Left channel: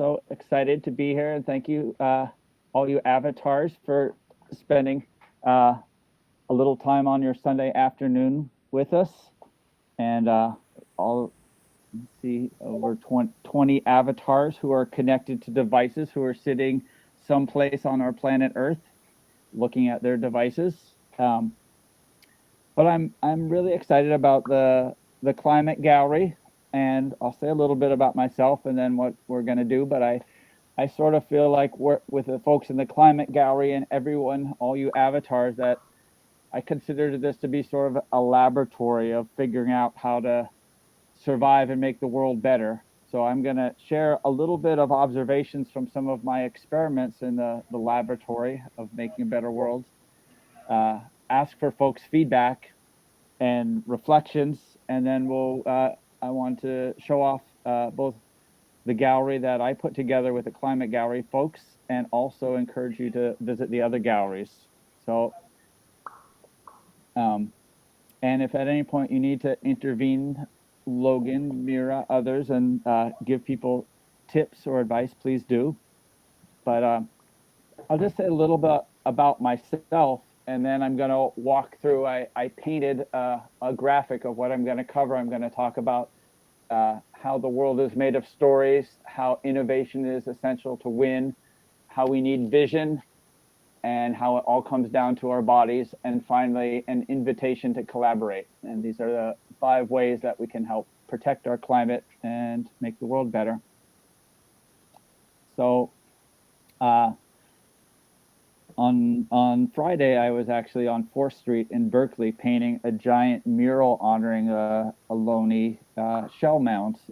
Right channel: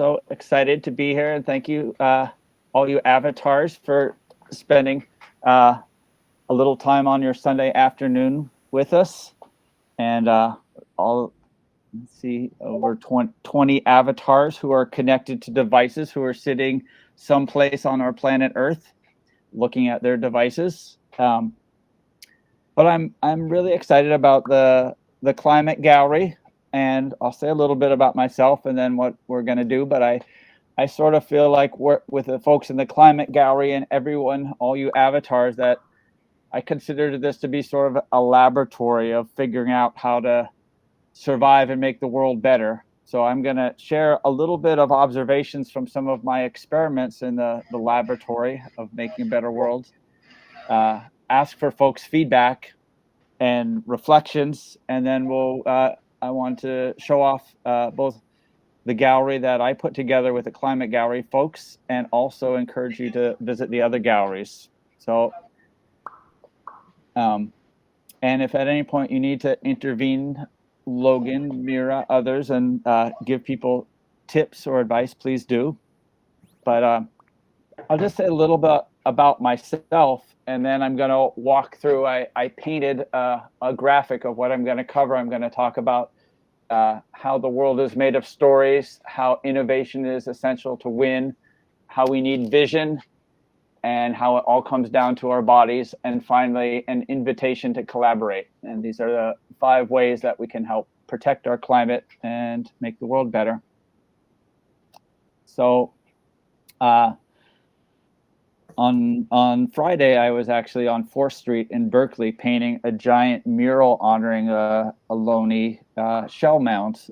so excited to be here, and thank you, all you avatars, for spending a little time on your Sunday afternoon with us. And all, let's see, over 20 avatars who are connected to devices, who are sitting someplace on our planet Earth, looking at their devices. But I'm really excited about the climate gallery, and I'll say a little bit about myself and then what we're going to do. But I sort of feel like with the folks in the climate gallery and everyone, all you avatars, that I consider this to be sort of a laboratory of figuring out how to survive and make the world better. So I'm going to share a little bit of observations from some of my experiments in the laboratory of making a better world. Ask for folks' feedback and reflections, and then I want to show off both the gallery that I put together with the climate gallery folks, and also encourage you to visit the other galleries. So, and if at any point you need to intervene, Logan, Mira, others, and give people tips or advice, please do. But I'll just say a little bit about myself, and then I'm going to walk through. I painted a graphic of what I'm going to cover. I'm going to talk about how the world is made of stories, how innovation is essential to win, how we need vision, and how it all comes down to our bodies, and finally, an invitation to collaborate. And these are the 5 ways that we can help protect our climate and make the world better. So, on Friday, I was actually on 4th Street in Berkeley painting a giant mural honoring Ohlone shell mounds,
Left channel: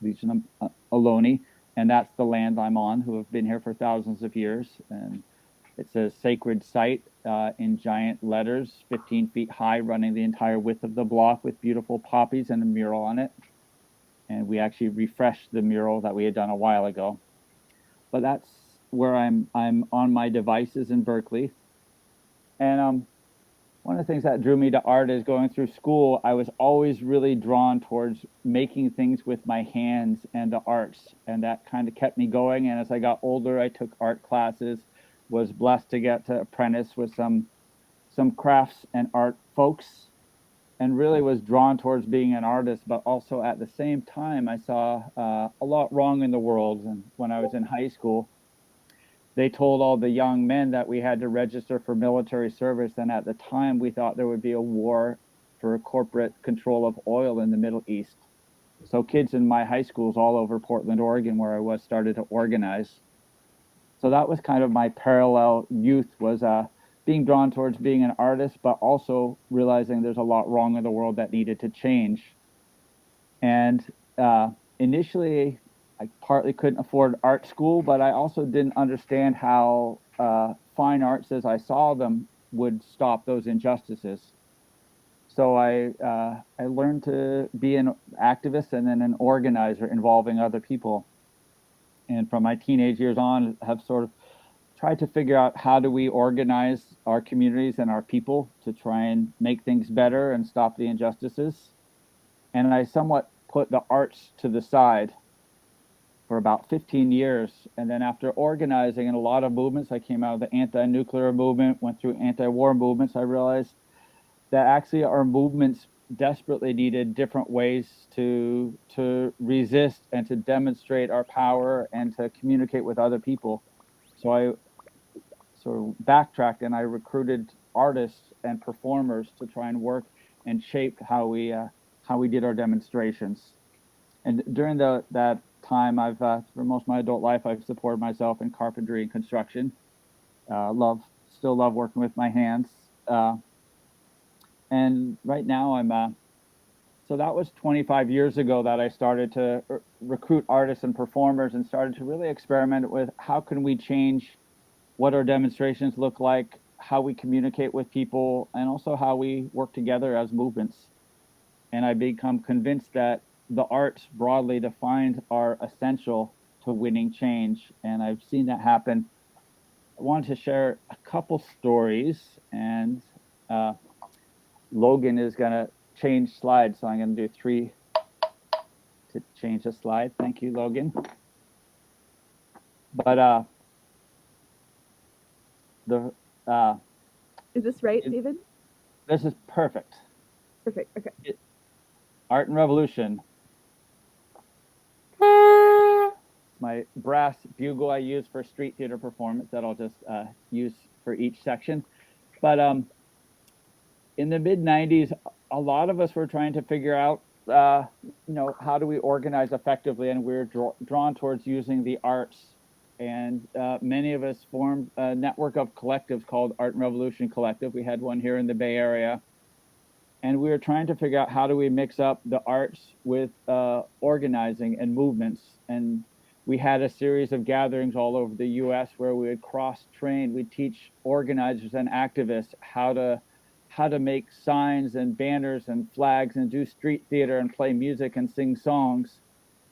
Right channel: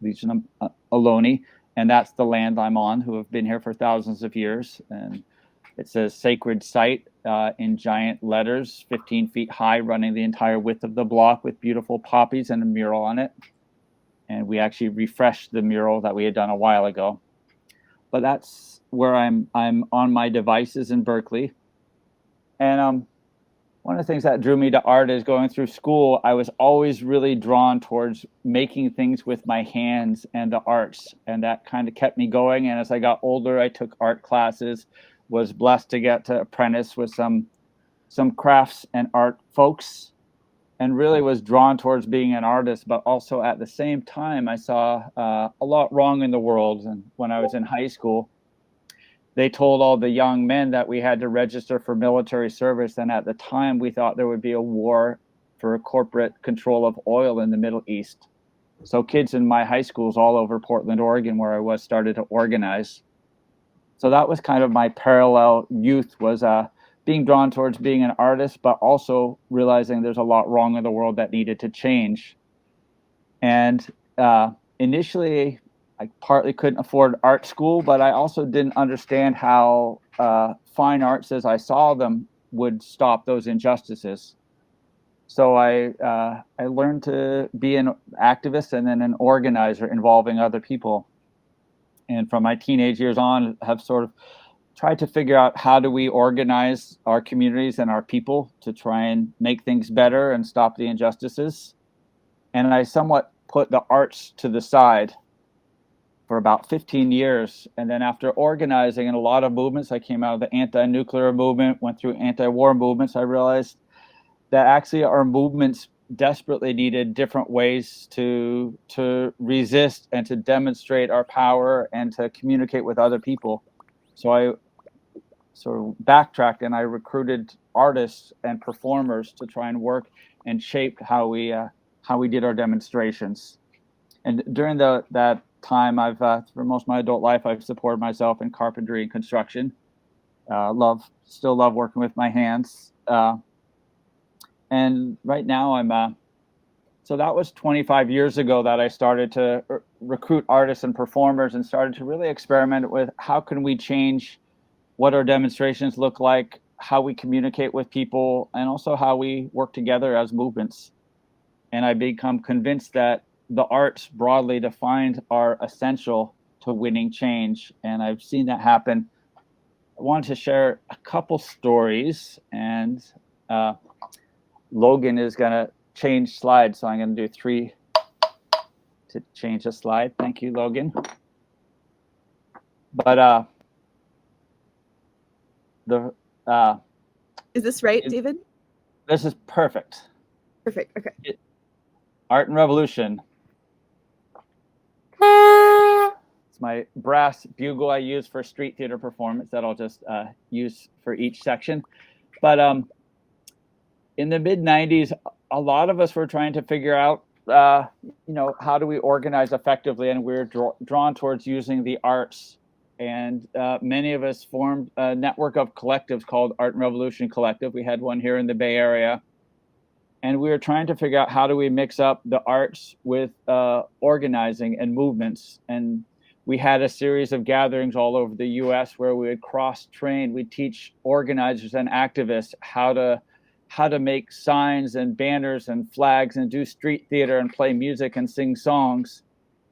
Legion Ohlone, and that's the land I'm on, who have been here for thousands of years. And it says sacred site in giant letters, 15 feet high, running the entire width of the block, with beautiful poppies and a mural on it. And we actually refreshed the mural that we had done a while ago. But that's where I'm on my devices in Berkeley. And one of the things that drew me to art is going through school, I was always really drawn towards making things with my hands and the arts. And that kind of kept me going. And as I got older, I took art classes, was blessed to get to apprentice with some crafts and art folks, and really was drawn towards being an artist. But also at the same time, I saw a lot wrong in the world. And when I was in high school, they told all the young men that we had to register for military service. And at the time, we thought there would be a war for corporate control of oil in the Middle East. So kids in my high schools all over Portland, Oregon, where I was, started to organize. So that was kind of my parallel youth, was being drawn towards being an artist, but also realizing there's a lot wrong in the world that needed to change. And initially, I partly couldn't afford art school, but I also didn't understand how fine arts as I saw them would stop those injustices. So I learned to be an activist and then an organizer involving other people. And from my teenage years on, have sort of tried to figure out how do we organize our communities and our people to try and make things better and stop the injustices. And I somewhat put the arts to the side for about 15 years. And then after organizing in a lot of movements, I came out of the anti-nuclear movement, went through anti-war movements. I realized that actually our movements desperately needed different ways to resist and to demonstrate our power and to communicate with other people. So I sort of backtracked and I recruited artists and performers to try and work and shape how we did our demonstrations. And during that time, I've for most of my adult life, I've supported myself in carpentry and construction. Still love working with my hands. And right now so that was 25 years ago that I started to recruit artists and performers and started to really experiment with how can we change what our demonstrations look like, how we communicate with people, and also how we work together as movements. And I become convinced that the arts broadly defined are essential to winning change. And I've seen that happen. I wanted to share a couple stories, and Logan is going to change slides. So I'm going to do 3 to change a slide. Thank you, Logan. But the Is this right, David? this is perfect. Perfect. Okay. Art and Revolution. It's my brass bugle I use for street theater performance that I'll just use for each section. But in the mid 90s, a lot of us were trying to figure out, how do we organize effectively, and we're drawn towards using the arts. And many of us formed a network of collectives called Art and Revolution Collective. We had one here in the Bay Area. And we were trying to figure out how do we mix up the arts with organizing and movements. And we had a series of gatherings all over the US where we would cross-train. We'd teach organizers and activists how to make signs and banners and flags and do street theater and play music and sing songs.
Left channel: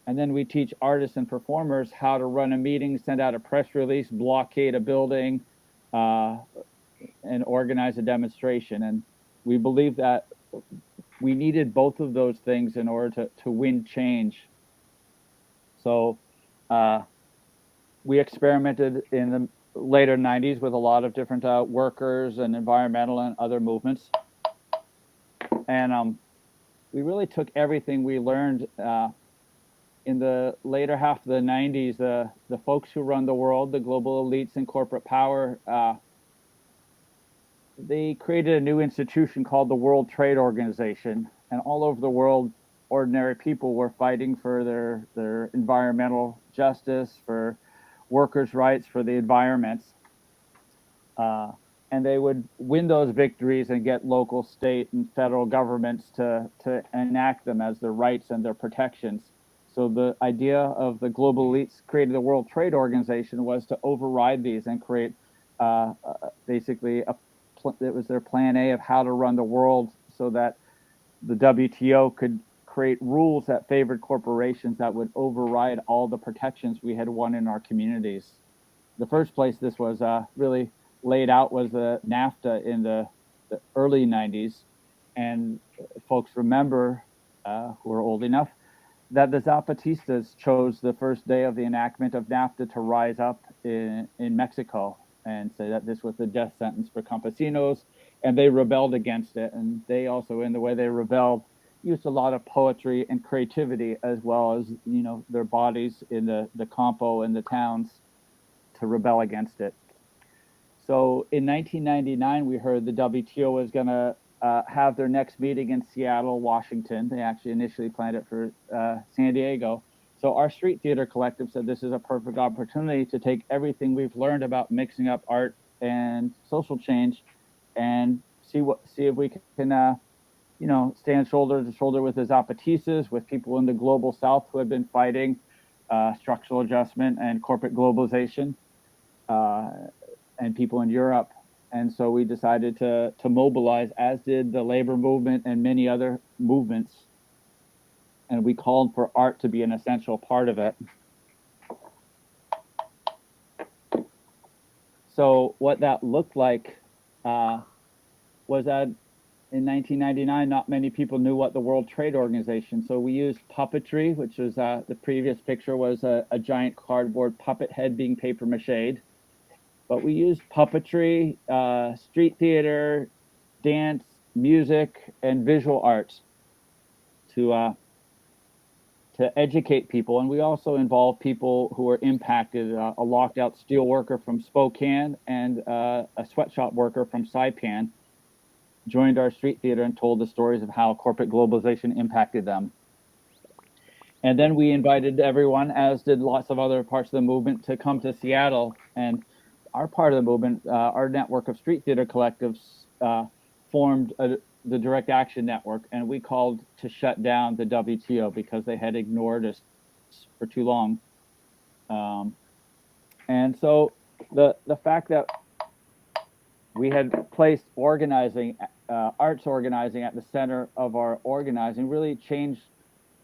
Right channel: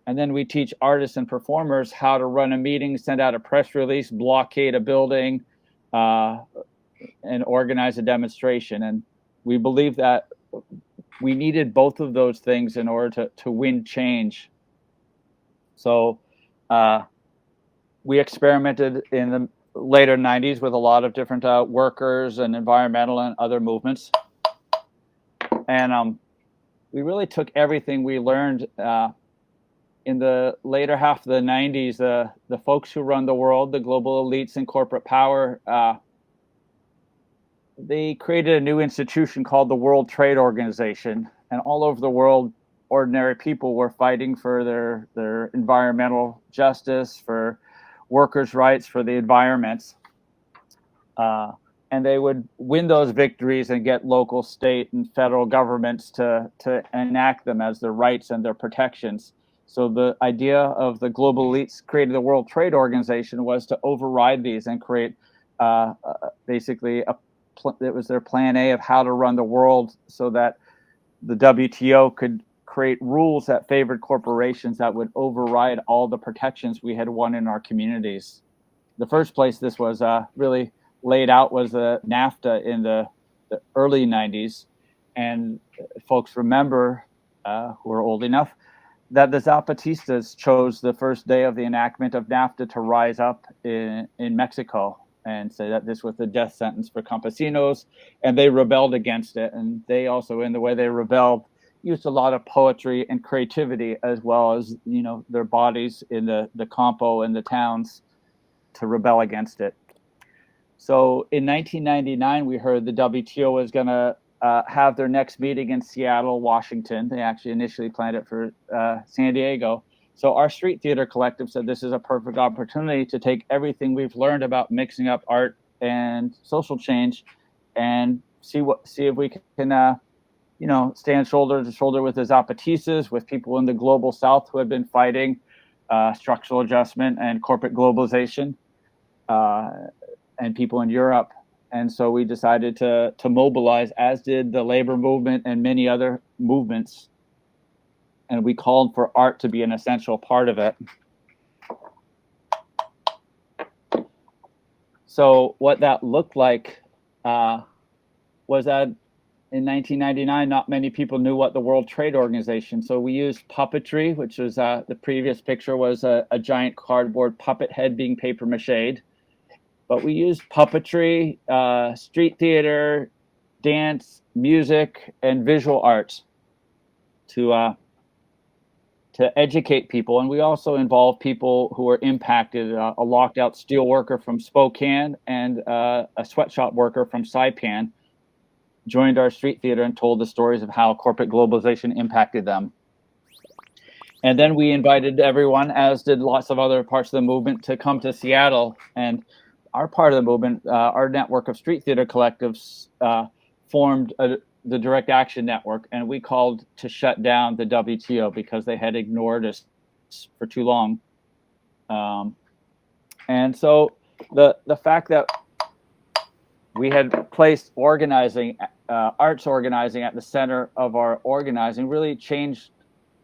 And then we teach artists and performers how to run a meeting, send out a press release, blockade a building, and organize a demonstration. And we believe that we needed both of those things in order to win change. So we experimented in the later 90s with a lot of different workers and environmental and other movements. And we really took everything we learned in the later half of the 90s. The folks who run the world, the global elites and corporate power, they created a new institution called the World Trade Organization. And all over the world, ordinary people were fighting for their environmental justice, for workers' rights, for the environments. And they would win those victories and get local, state, and federal governments to enact them as their rights and their protections. So the idea of the global elites creating the World Trade Organization was to override these and create basically it was their plan A of how to run the world so that the WTO could create rules that favored corporations that would override all the protections we had won in our communities. The first place this was really laid out was NAFTA in the early 90s. And folks remember, who are old enough, that the Zapatistas chose the first day of the enactment of NAFTA to rise up in Mexico and say that this was the death sentence for campesinos, and they rebelled against it. And they also, in the way they rebelled, used a lot of poetry and creativity, as well as their bodies in the campo and the towns to rebel against it. So in 1999, we heard the WTO was going to have their next meeting in Seattle, Washington. They actually initially planned it for San Diego. So our street theater collective said this is a perfect opportunity to take everything we've learned about mixing up art and social change and see if we can stand shoulder to shoulder with the Zapatistas, with people in the global South who have been fighting structural adjustment and corporate globalization, and people in Europe. And so we decided to mobilize, as did the labor movement and many other movements. And we called for art to be an essential part of it. So what that looked like was that in 1999, not many people knew what the World Trade Organization. So we used puppetry, which was the previous picture was a giant cardboard puppet head being paper mached. But we used puppetry, street theater, dance, music, and visual arts to educate people. And we also involved people who were impacted. A locked out steel worker from Spokane and a sweatshop worker from Saipan joined our street theater and told the stories of how corporate globalization impacted them. And then we invited everyone, as did lots of other parts of the movement, to come to Seattle. And our part of the movement, our network of street theater collectives, formed the Direct Action Network, and we called to shut down the WTO because they had ignored us for too long. And so the fact that we had placed organizing, arts organizing at the center of our organizing really changed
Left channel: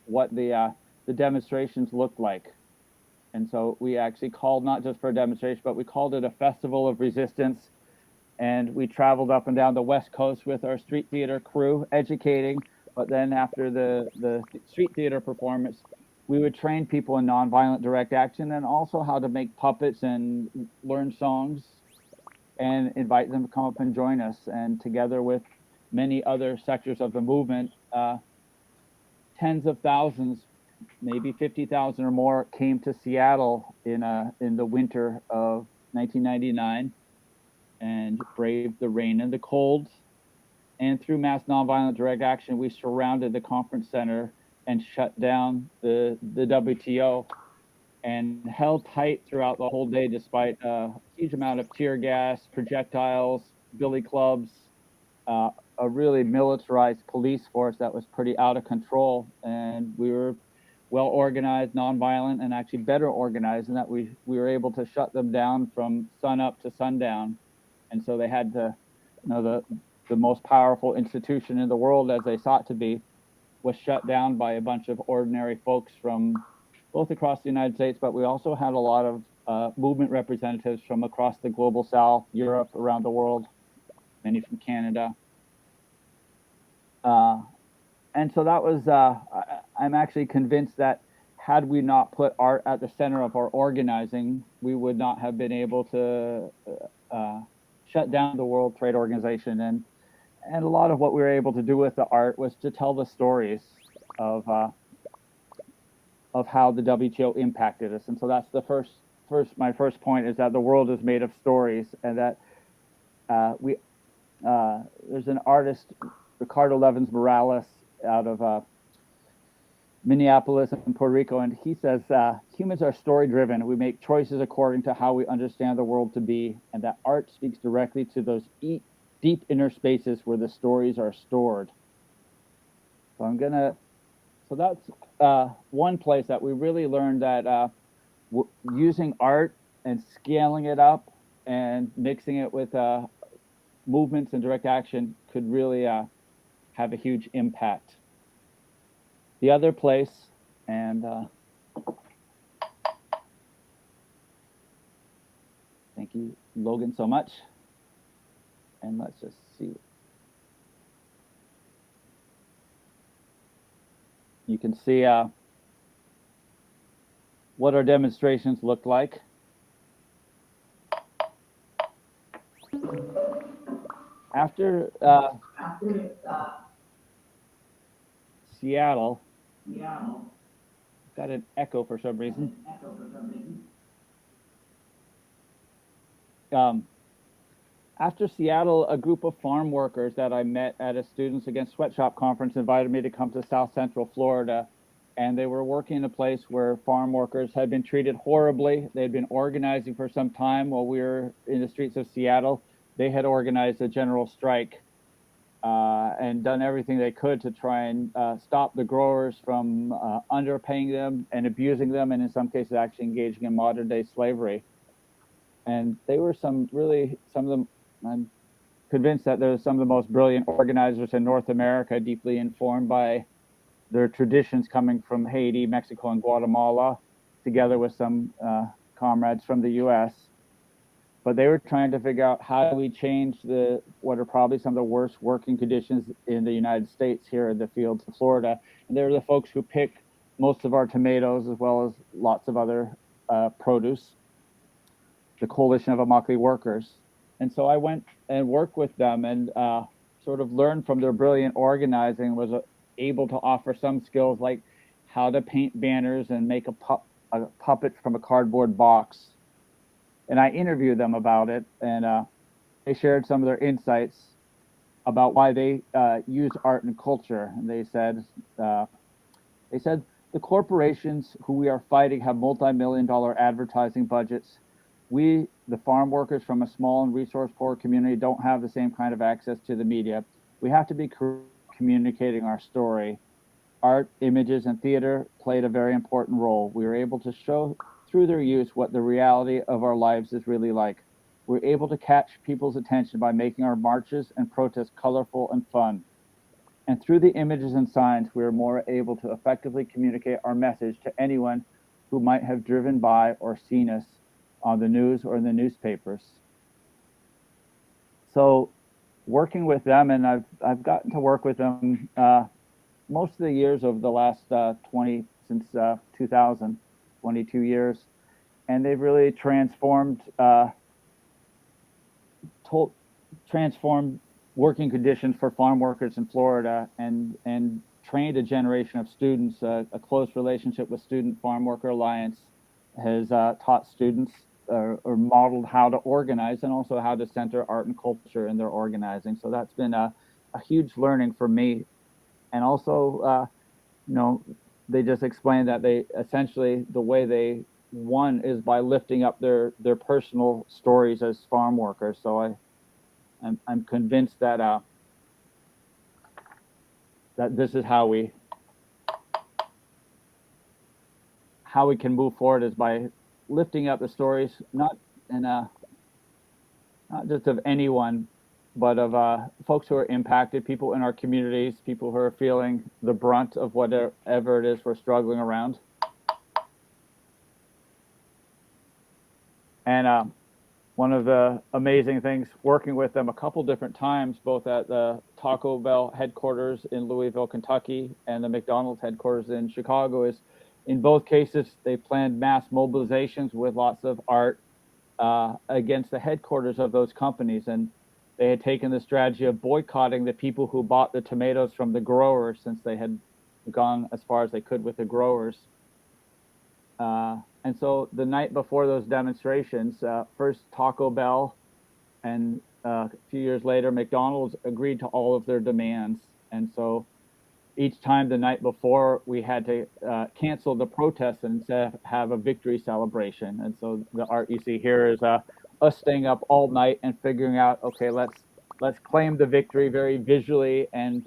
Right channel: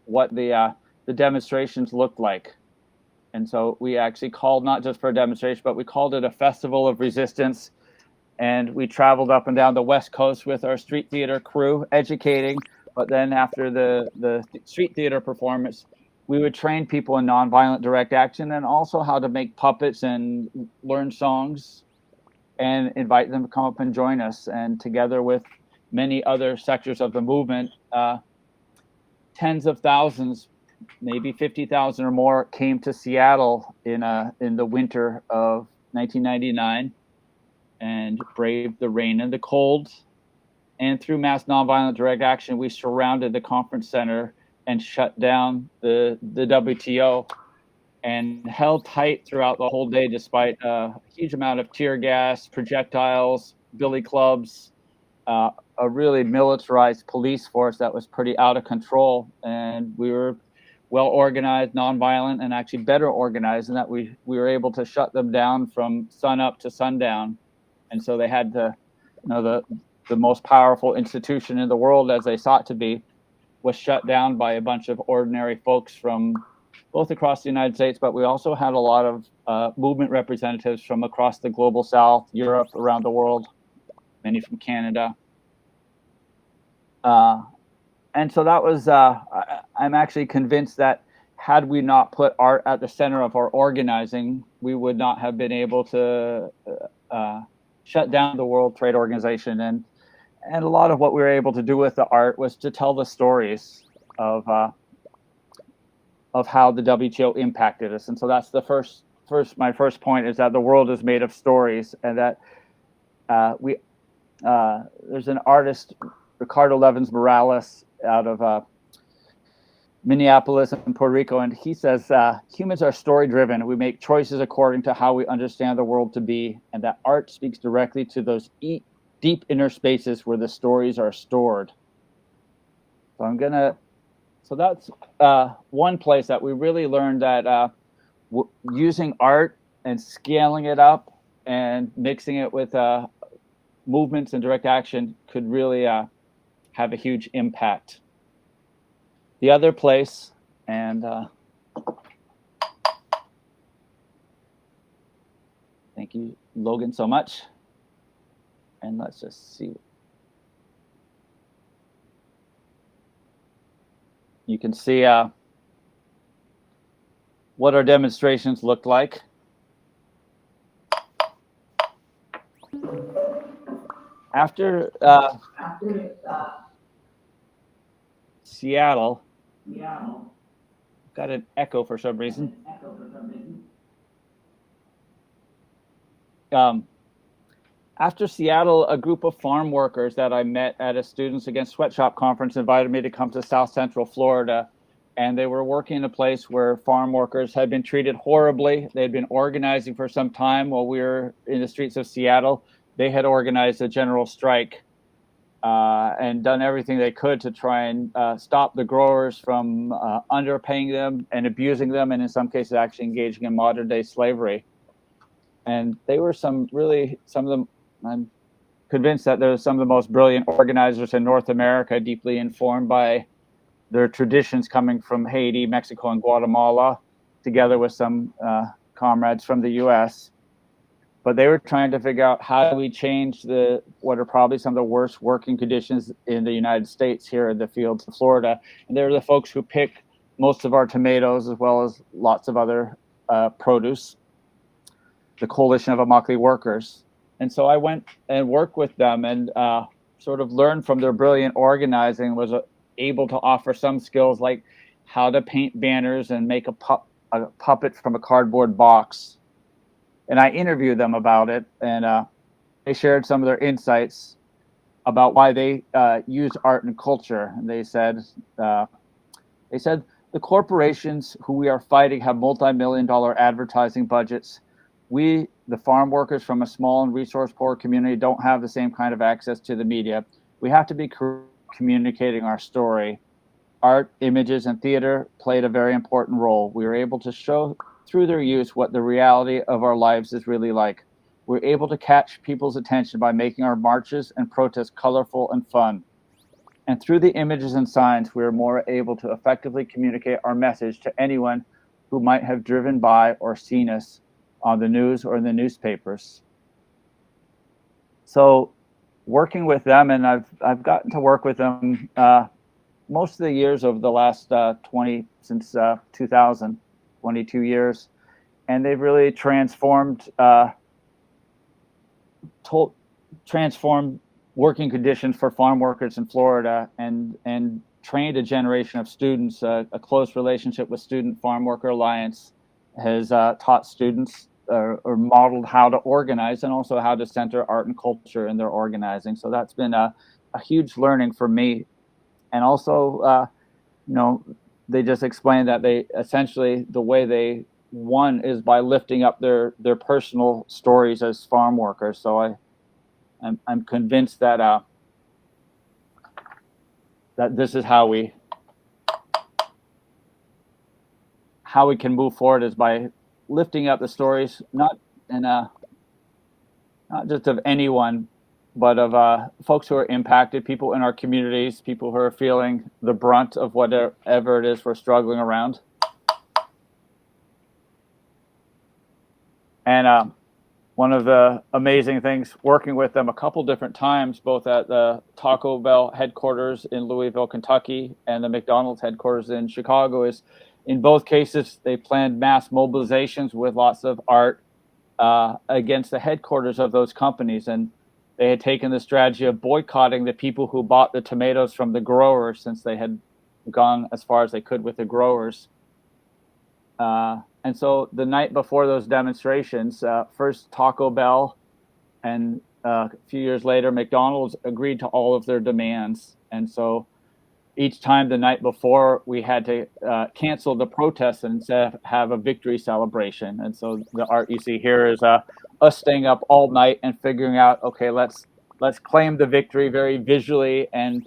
what the demonstrations looked like. And so we actually called not just for a demonstration, but we called it a festival of resistance. And we traveled up and down the West Coast with our street theater crew, educating. But then after the street theater performance, we would train people in nonviolent direct action and also how to make puppets and learn songs and invite them to come up and join us. And together with many other sectors of the movement, tens of thousands, maybe 50,000 or more, came to Seattle in the winter of 1999 and braved the rain and the cold. And through mass nonviolent direct action, we surrounded the conference center and shut down the WTO and held tight throughout the whole day, despite a huge amount of tear gas, projectiles, billy clubs, a really militarized police force that was pretty out of control. And we were well organized, nonviolent, and actually better organized in that we were able to shut them down from sun up to sundown. And so they had to, the most powerful institution in the world, as they sought to be, was shut down by a bunch of ordinary folks from both across the United States, but we also had a lot of movement representatives from across the global South, Europe, around the world, many from Canada. And so that was, I'm actually convinced that had we not put art at the center of our organizing, we would not have been able to shut down the World Trade Organization. And a lot of what we were able to do with the art was to tell the stories of how the WTO impacted us. And so that's the my first point, is that the world is made of stories, and that there's an artist, Ricardo Levins Morales, out of Minneapolis and Puerto Rico, and he says humans are story driven. We make choices according to how we understand the world to be, and that art speaks directly to those deep inner spaces where the stories are stored. So that's one place that we really learned that using art and scaling it up and mixing it with movements and direct action could really have a huge impact. The other place, and thank you, Logan, so much. And let's just see. You can see what our demonstrations looked like. After Seattle, got an echo for some reason. After Seattle, a group of farm workers that I met at a Students Against Sweatshop conference invited me to come to South Central Florida. And they were working in a place where farm workers had been treated horribly. They had been organizing for some time while we were in the streets of Seattle. They had organized a general strike and done everything they could to try and stop the growers from underpaying them and abusing them, and in some cases actually engaging in modern day slavery. And they were some of them, I'm convinced that they're some of the most brilliant organizers in North America, deeply informed by their traditions coming from Haiti, Mexico, and Guatemala, together with some comrades from the US. But they were trying to figure out how do we change what are probably some of the worst working conditions in the United States here in the fields of Florida. And they're the folks who pick most of our tomatoes, as well as lots of other produce, the Coalition of Immokalee Workers. And so I went and worked with them and sort of learned from their brilliant organizing, was able to offer some skills like how to paint banners and make a puppet from a cardboard box. And I interviewed them about it, and they shared some of their insights about why they use art and culture. And they said the corporations who we are fighting have multi-million-dollar advertising budgets. We, the farm workers from a small and resource-poor community, don't have the same kind of access to the media. We have to be communicating our story. Art, images, and theater played a very important role. We were able to show through their use what the reality of our lives is really like. We're able to catch people's attention by making our marches and protests colorful and fun. And through the images and signs, we are more able to effectively communicate our message to anyone who might have driven by or seen us on the news or in the newspapers. So working with them, and I've gotten to work with them most of the years over the last 2000, 22 years, and they've really transformed working conditions for farm workers in Florida, and trained a generation of students. A close relationship with Student Farm Worker Alliance has taught students or modeled how to organize, and also how to center art and culture in their organizing. So that's been a huge learning for me. And also, they just explained that they essentially, the way they won is by lifting up their personal stories as farm workers. So I'm convinced that that this is how we can move forward, is by lifting up the stories, not just of anyone, but of folks who are impacted, people in our communities, people who are feeling the brunt of whatever it is we're struggling around. And one of the amazing things, working with them a couple different times, both at the Taco Bell headquarters in Louisville, Kentucky, and the McDonald's headquarters in Chicago, is in both cases, they planned mass mobilizations with lots of art against the headquarters of those companies. And they had taken the strategy of boycotting the people who bought the tomatoes from the growers, since they had gone as far as they could with the growers. And so the night before those demonstrations, first Taco Bell, and a few years later, McDonald's agreed to all of their demands. And so each time the night before, we had to cancel the protests and instead have a victory celebration. And so the art you see here is us staying up all night and figuring out, okay, let's claim the victory very visually, and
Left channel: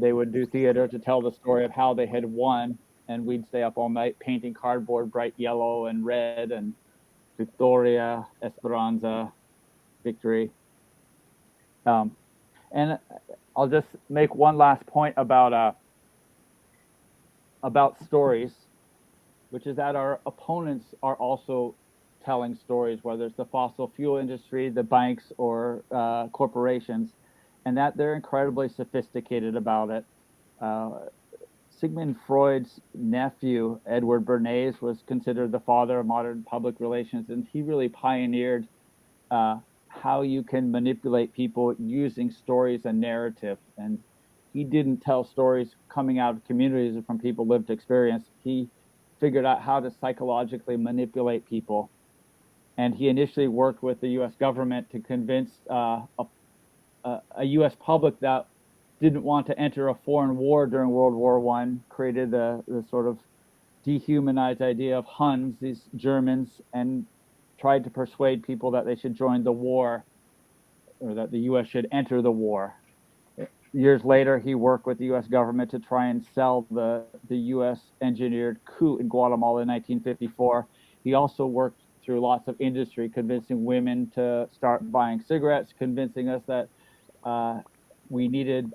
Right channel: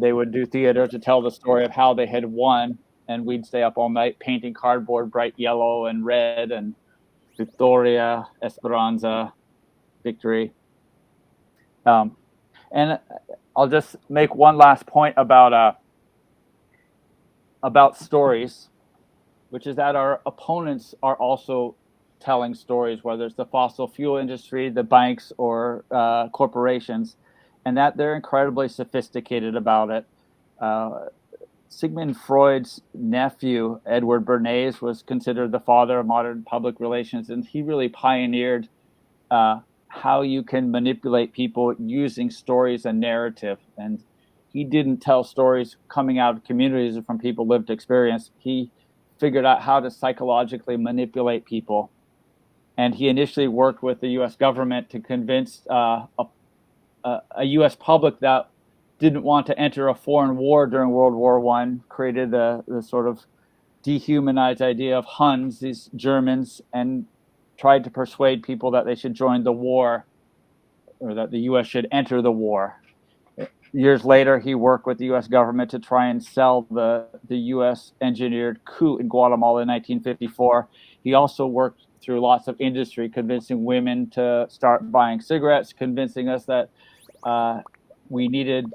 they would do theater to tell the story of how they had won. And we'd stay up all night painting cardboard bright yellow and red, and Victoria, Esperanza, victory. And I'll just make one last point about stories, which is that our opponents are also telling stories, whether it's the fossil fuel industry, the banks, or corporations, and that they're incredibly sophisticated about it. Sigmund Freud's nephew, Edward Bernays, was considered the father of modern public relations, and he really pioneered how you can manipulate people using stories and narrative. And he didn't tell stories coming out of communities or from people lived experience. He figured out how to psychologically manipulate people. And he initially worked with the U.S. government to convince a U.S. public that didn't want to enter a foreign war during World War I, created the sort of dehumanized idea of Huns, these Germans, and tried to persuade people that they should join the war, or that the U.S. should enter the war. Years later, he worked with the U.S. government to try and sell the U.S. engineered coup in Guatemala in 1954. He also worked through lots of industry, convincing women to start buying cigarettes, convincing us that we needed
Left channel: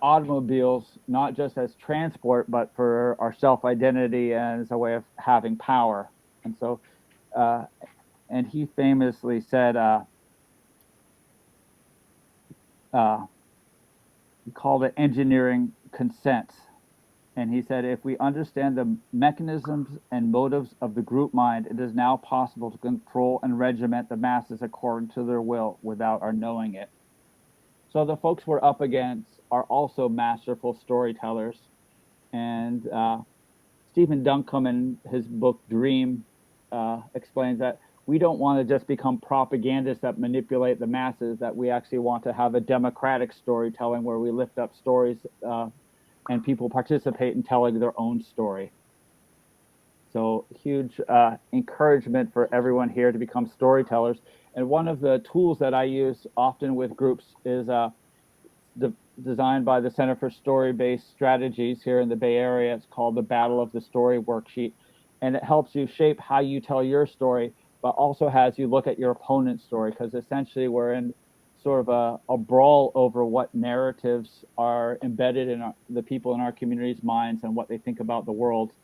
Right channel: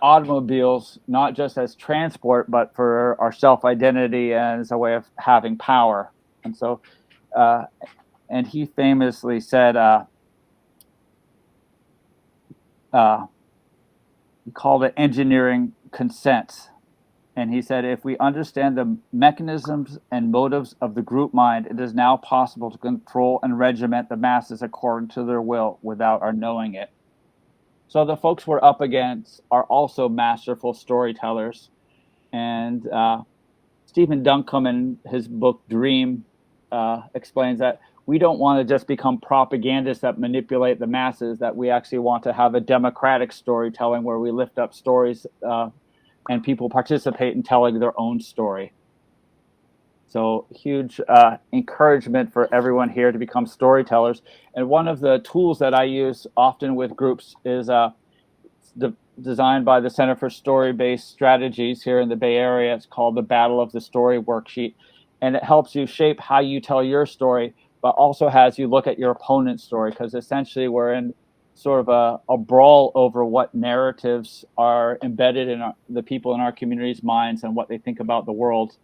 automobiles, not just as transport, but for our self-identity and as a way of having power. And so, and he famously said, he called it engineering consent. And he said, if we understand the mechanisms and motives of the group mind, it is now possible to control and regiment the masses according to their will without our knowing it. So the folks we're up against are also masterful storytellers. And Stephen Duncombe, in his book Dream, explains that we don't want to just become propagandists that manipulate the masses, that we actually want to have a democratic storytelling where we lift up stories and people participate in telling their own story. So huge encouragement for everyone here to become storytellers. And one of the tools that I use often with groups is designed by the Center for Story-Based Strategies here in the Bay Area. It's called the Battle of the Story worksheet. And it helps you shape how you tell your story, but also has you look at your opponent's story, because essentially we're in sort of a brawl over what narratives are embedded in the people in our community's minds and what they think about the world.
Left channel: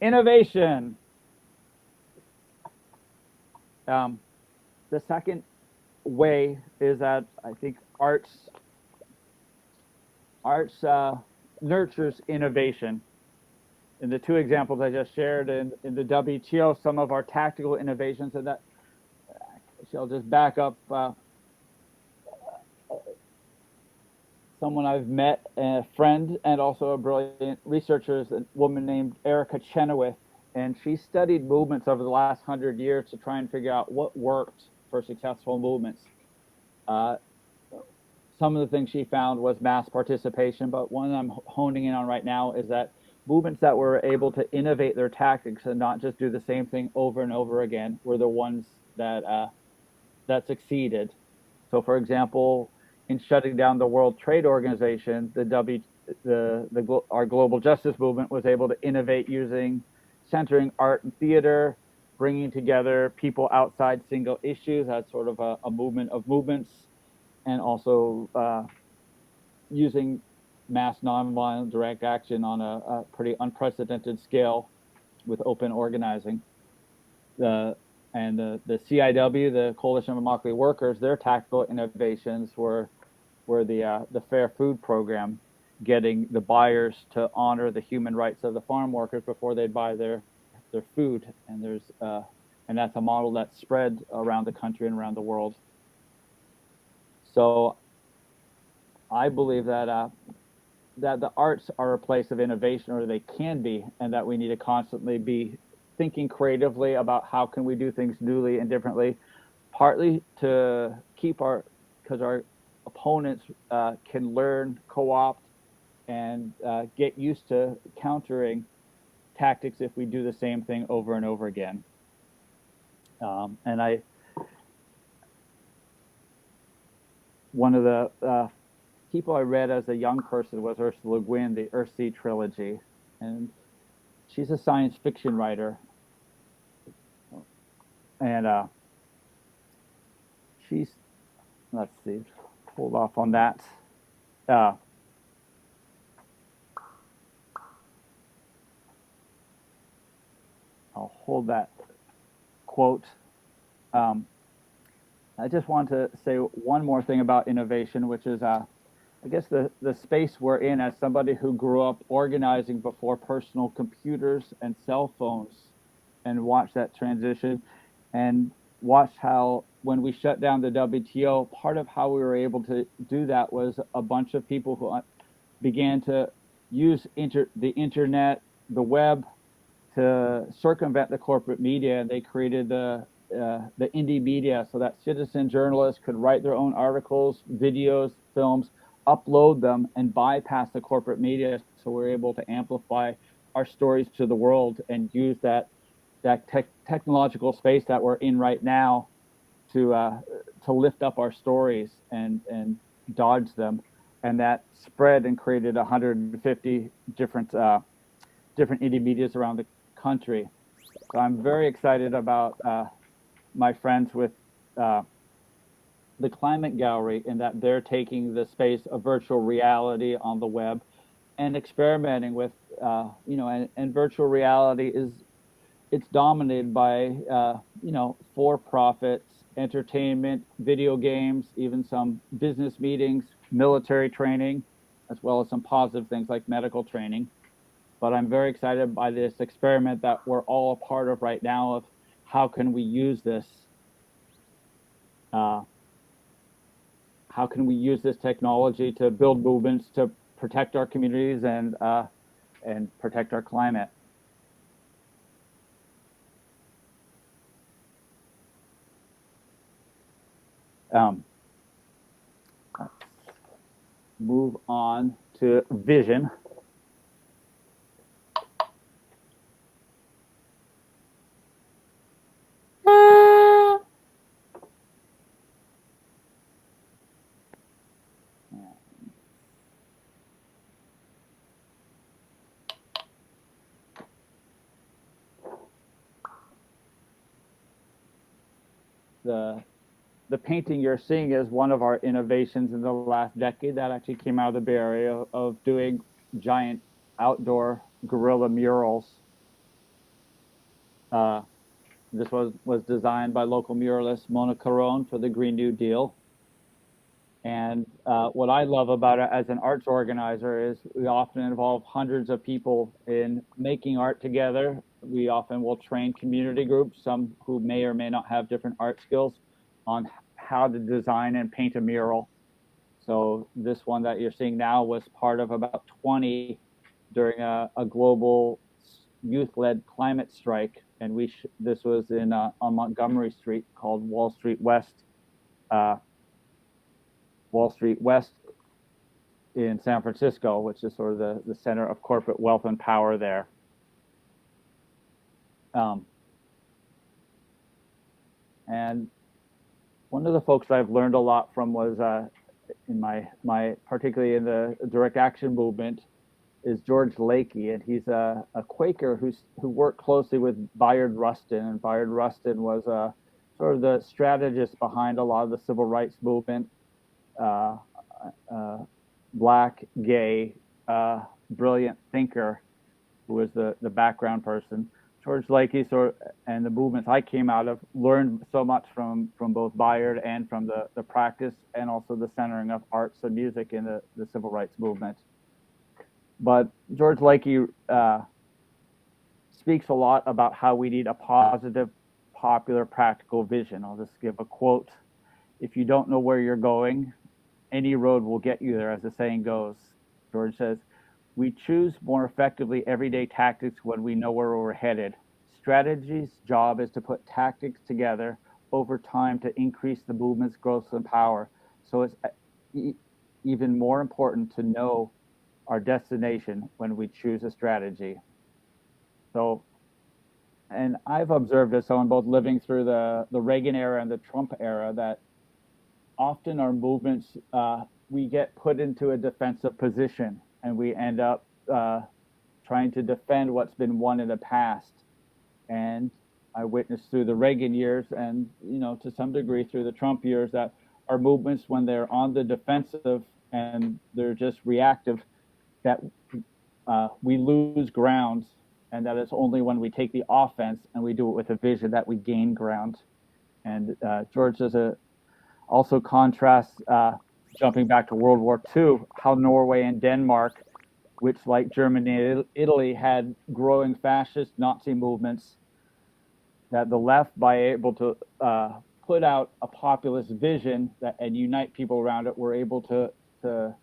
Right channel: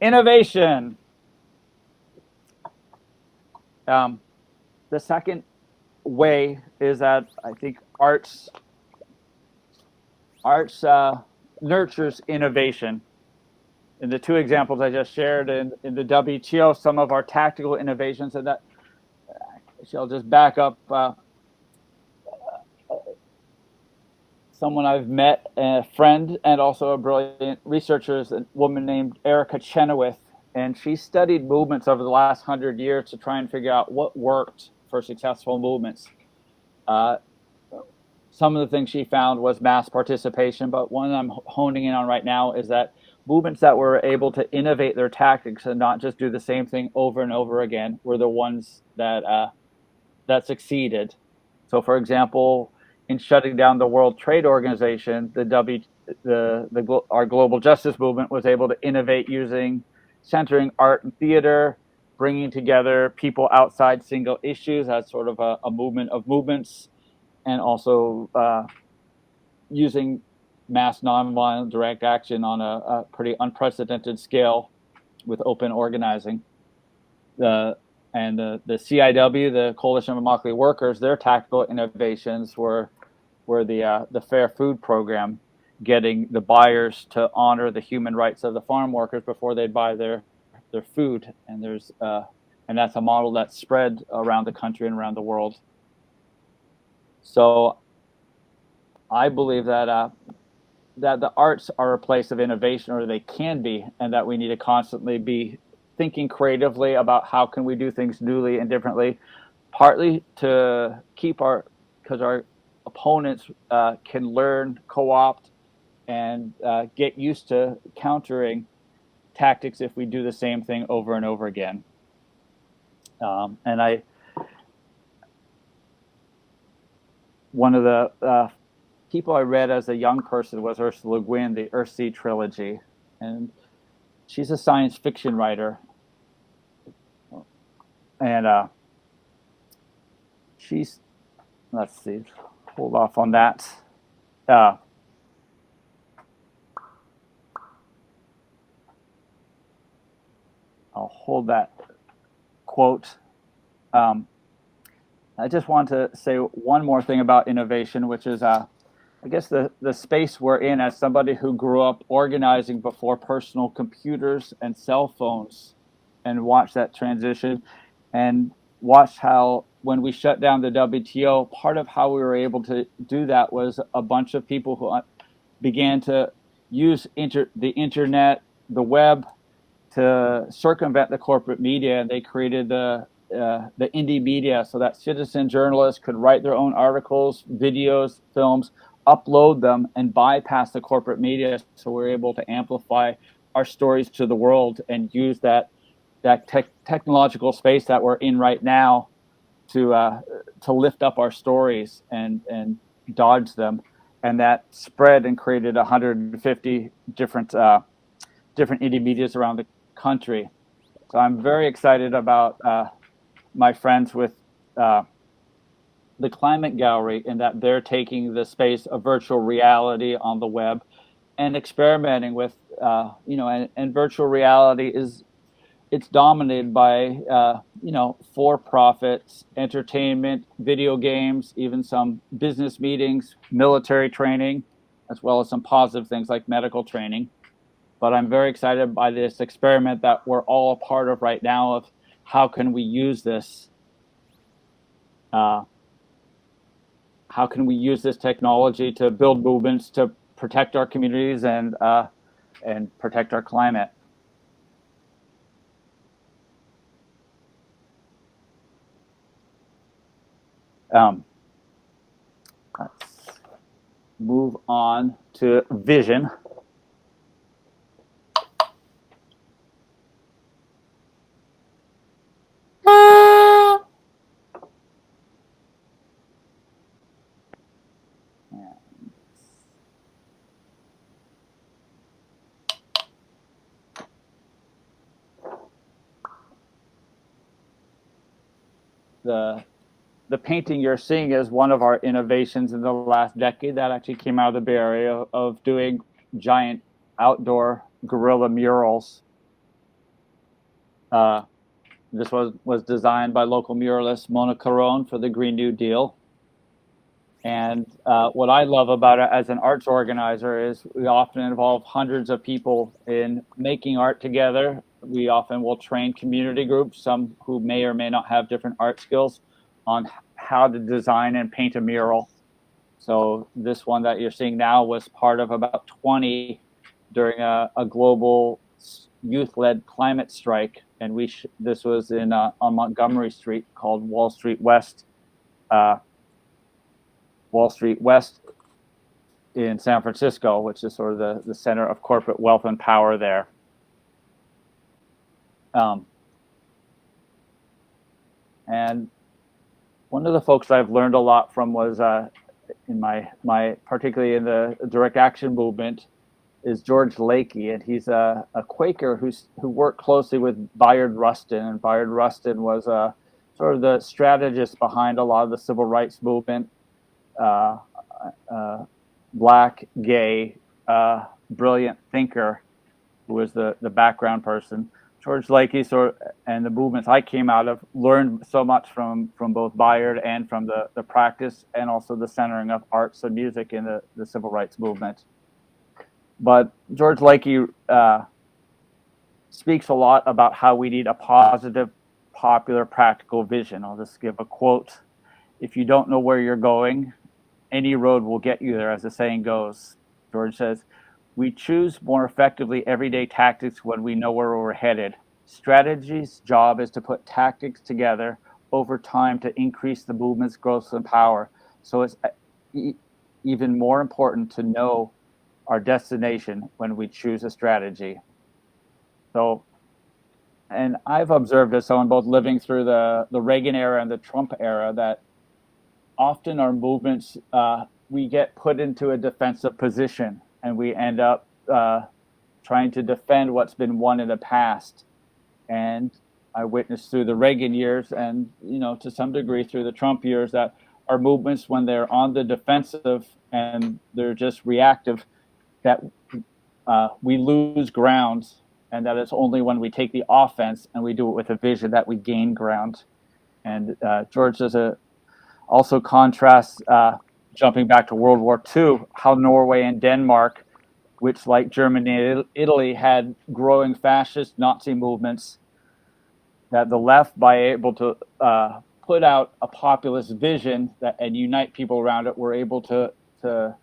Innovation. The second way is that I think arts nurtures innovation. In the two examples I just shared in the WTO, some of our tactical innovations, and that I'll just back up someone I've met, a friend and also a brilliant researcher, is a woman named Erica Chenoweth, and she studied movements over the last 100 years to try and figure out what worked for successful movements. Some of the things she found was mass participation, but one I'm honing in on right now is that movements that were able to innovate their tactics and not just do the same thing over and over again were the ones that that succeeded. So, for example, in shutting down the World Trade Organization, our global justice movement was able to innovate using centering art and theater, bringing together people outside single issues as sort of a movement of movements, and also using mass nonviolent direct action on a pretty unprecedented scale with open organizing. The CIW, the Coalition of Immokalee Workers, their tactical innovations were the Fair Food Program, getting the buyers to honor the human rights of the farm workers before they buy their food. And that's a model that's spread around the country and around the world. So I believe that the arts are a place of innovation, or they can be, and that we need to constantly be thinking creatively about how can we do things newly and differently, partly to keep because our opponents can learn, co-opt, and get used to countering tactics if we do the same thing over and over again. One of the people I read as a young person was Ursula Le Guin, the Earthsea trilogy, and she's a science fiction writer, and let's see, hold off on that. I'll hold that quote. I just want to say one more thing about innovation, which is I guess the space we're in, as somebody who grew up organizing before personal computers and cell phones, and watched that transition, and watched how when we shut down the WTO, part of how we were able to do that was a bunch of people who began to use the internet, the web, to circumvent the corporate media, and they created the indie media so that citizen journalists could write their own articles, videos, films, upload them, and bypass the corporate media. So we're able to amplify our stories to the world and use that technological space that we're in right now to lift up our stories and dodge them. And that spread and created 150 different indie medias around the country. So I'm very excited about my friends with the Climate Gallery, in that they're taking the space of virtual reality on the web and experimenting with, and virtual reality it's dominated by, for-profits, entertainment, video games, even some business meetings, military training, as well as some positive things like medical training. But I'm very excited by this experiment that we're all a part of right now of how can we use this? How can we use this technology to build movements to protect our communities and protect our climate? Let's move on to vision. The painting you're seeing is one of our innovations in the last decade that actually came out of the Bay Area, of doing giant outdoor guerrilla murals. This was designed by local muralist Mona Caron for the Green New Deal. And what I love about it as an arts organizer is we often involve hundreds of people in making art together. We often will train community groups, some who may or may not have different art skills, on how to design and paint a mural. So this one that you're seeing now was part of about 20 during a global youth-led climate strike. And this was in on Montgomery Street, called Wall Street West in San Francisco, which is sort of the center of corporate wealth and power there. And one of the folks I've learned a lot from was in my particularly in the direct action movement is George Lakey, and he's a Quaker who worked closely with Bayard Rustin, and Bayard Rustin was sort of the strategist behind a lot of the civil rights movement. Black, gay, brilliant thinker who was the background person. George Lakey and the movements I came out of learned so much from both Bayard and from the practice and also the centering of arts and music in the civil rights movement. But George Lakey speaks a lot about how we need a positive, popular, practical vision. I'll just give a quote. If you don't know where you're going, any road will get you there, as the saying goes. George says, we choose more effectively everyday tactics when we know where we're headed. Strategy's job is to put tactics together over time to increase the movement's growth and power. So it's even more important to know our destination when we choose a strategy. So, and I've observed as someone both living through the Reagan era and the Trump era that often our movements, we get put into a defensive position and we end up trying to defend what's been won in the past. And I witnessed through the Reagan years and, to some degree through the Trump years that our movements, when they're on the defensive and they're just reactive, that we lose ground, and that it's only when we take the offense and we do it with a vision that we gain ground. And George does also contrasts, jumping back to World War II, how Norway and Denmark, which like Germany and Italy had growing fascist Nazi movements, that the left, by able to put out a populist vision and unite people around it, were able to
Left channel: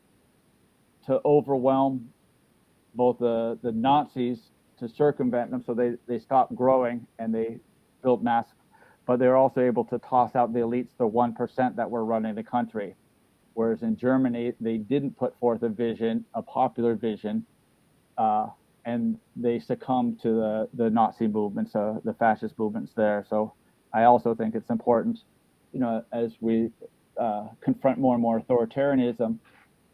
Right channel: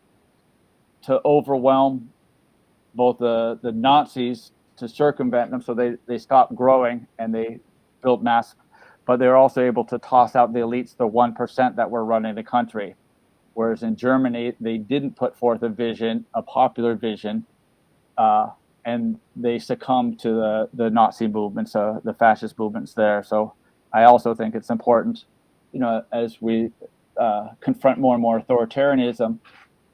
overwhelm both the Nazis, to circumvent them, so they stopped growing and they built mass, but they're also able to toss out the elites, the 1% that were running the country. Whereas in Germany, they didn't put forth a popular vision, and they succumbed to the Nazi movements, the fascist movements there. So I also think it's important, as we confront more and more authoritarianism,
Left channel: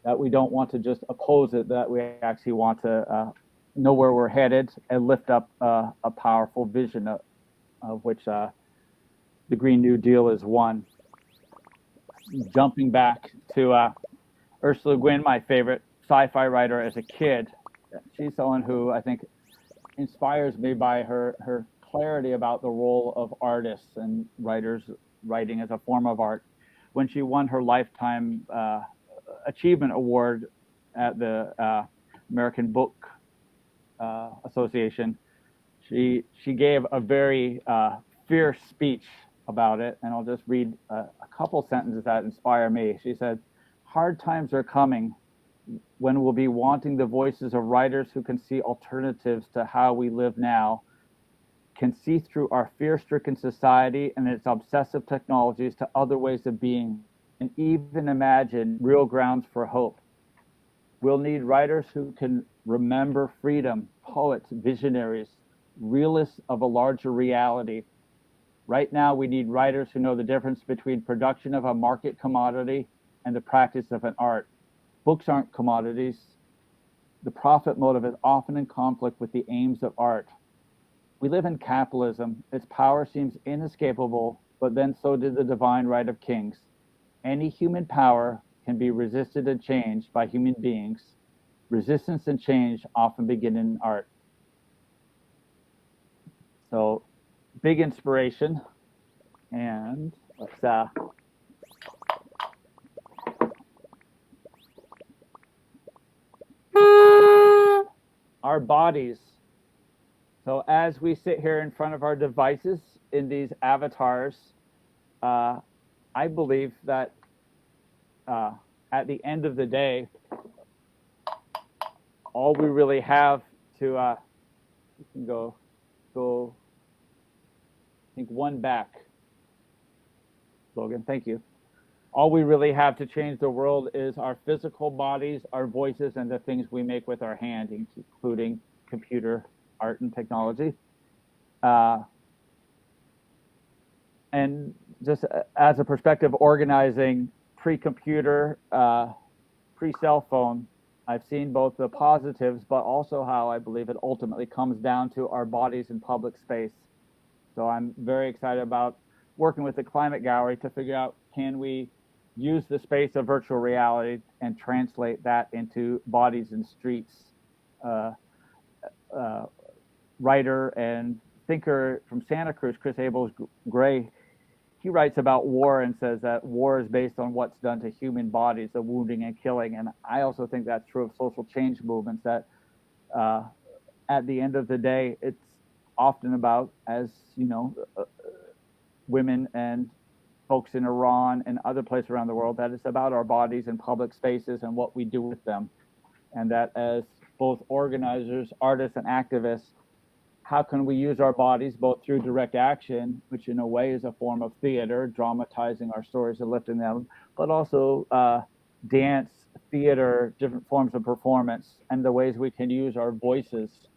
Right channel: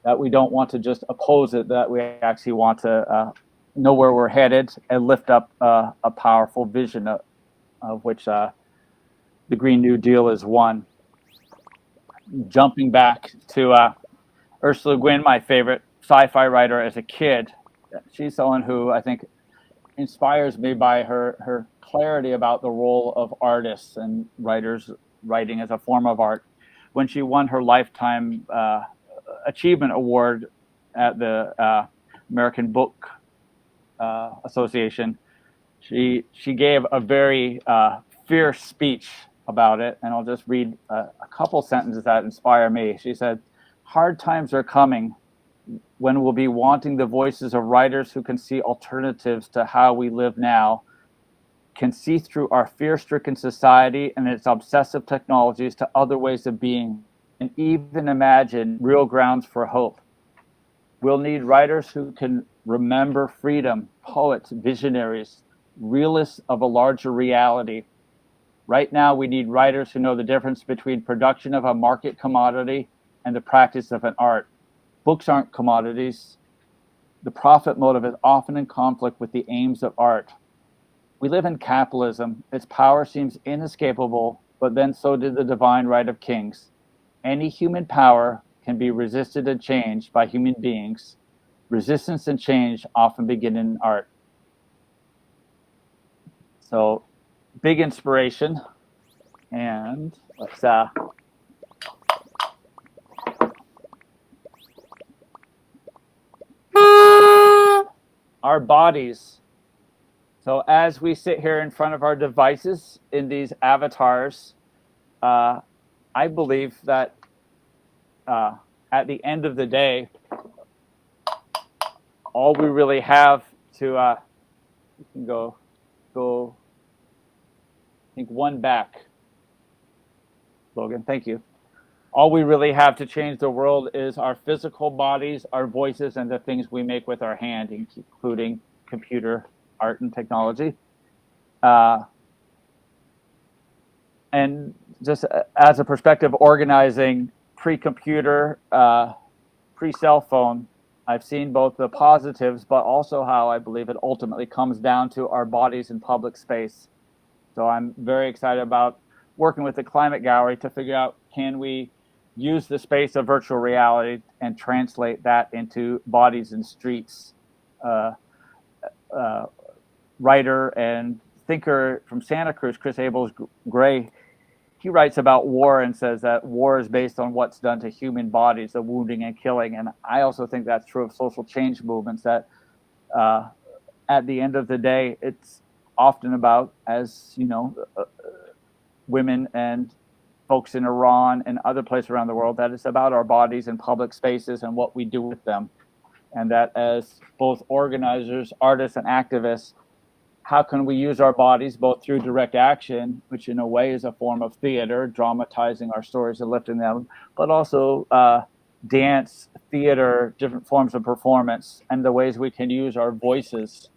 that we don't want to just oppose it, that we actually want to know where we're headed and lift up a powerful vision of which the Green New Deal is one. Jumping back to Ursula Le Guin, my favorite sci-fi writer as a kid. She's someone who I think inspires me by her clarity about the role of artists and writers writing as a form of art. When she won her Lifetime Achievement Award at the American Book Association, she gave a very fierce speech about it, and I'll just read a couple sentences that inspire me. She said, "Hard times are coming when we'll be wanting the voices of writers who can see alternatives to how we live now, can see through our fear-stricken society and its obsessive technologies to other ways of being, and even imagine real grounds for hope. We'll need writers who can remember freedom, poets, visionaries, realists of a larger reality. Right now, we need writers who know the difference between production of a market commodity and the practice of an art. Books aren't commodities. The profit motive is often in conflict with the aims of art. We live in capitalism. Its power seems inescapable, but then so did the divine right of kings. Any human power can be resisted and changed by human beings. Resistance and change often begin in art." So big inspiration. And let's our bodies. So as we sit here in front of our devices in these avatars, I believe that at the end of the day, all we really have to you can go I think one back, Logan, thank you. All we really have to change the world is our physical bodies, our voices, and the things we make with our hand, including computer art and technology. And just as a perspective, organizing pre-computer, pre-cell phone, I've seen both the positives, but also how I believe it ultimately comes down to our bodies in public space. So I'm very excited about working with the Climate Gallery to figure out, can we use the space of virtual reality and translate that into bodies in streets. Writer and thinker from Santa Cruz, Chris Abels Gray, he writes about war and says that war is based on what's done to human bodies, the wounding and killing. And I also think that's true of social change movements, that at the end of the day, it's often about, as you know, women and folks in Iran and other places around the world, that it's about our bodies in public spaces and what we do with them. And that as both organizers, artists, and activists, how can we use our bodies both through direct action, which in a way is a form of theater, dramatizing our stories and lifting them, but also dance, theater, different forms of performance, and the ways we can use our voices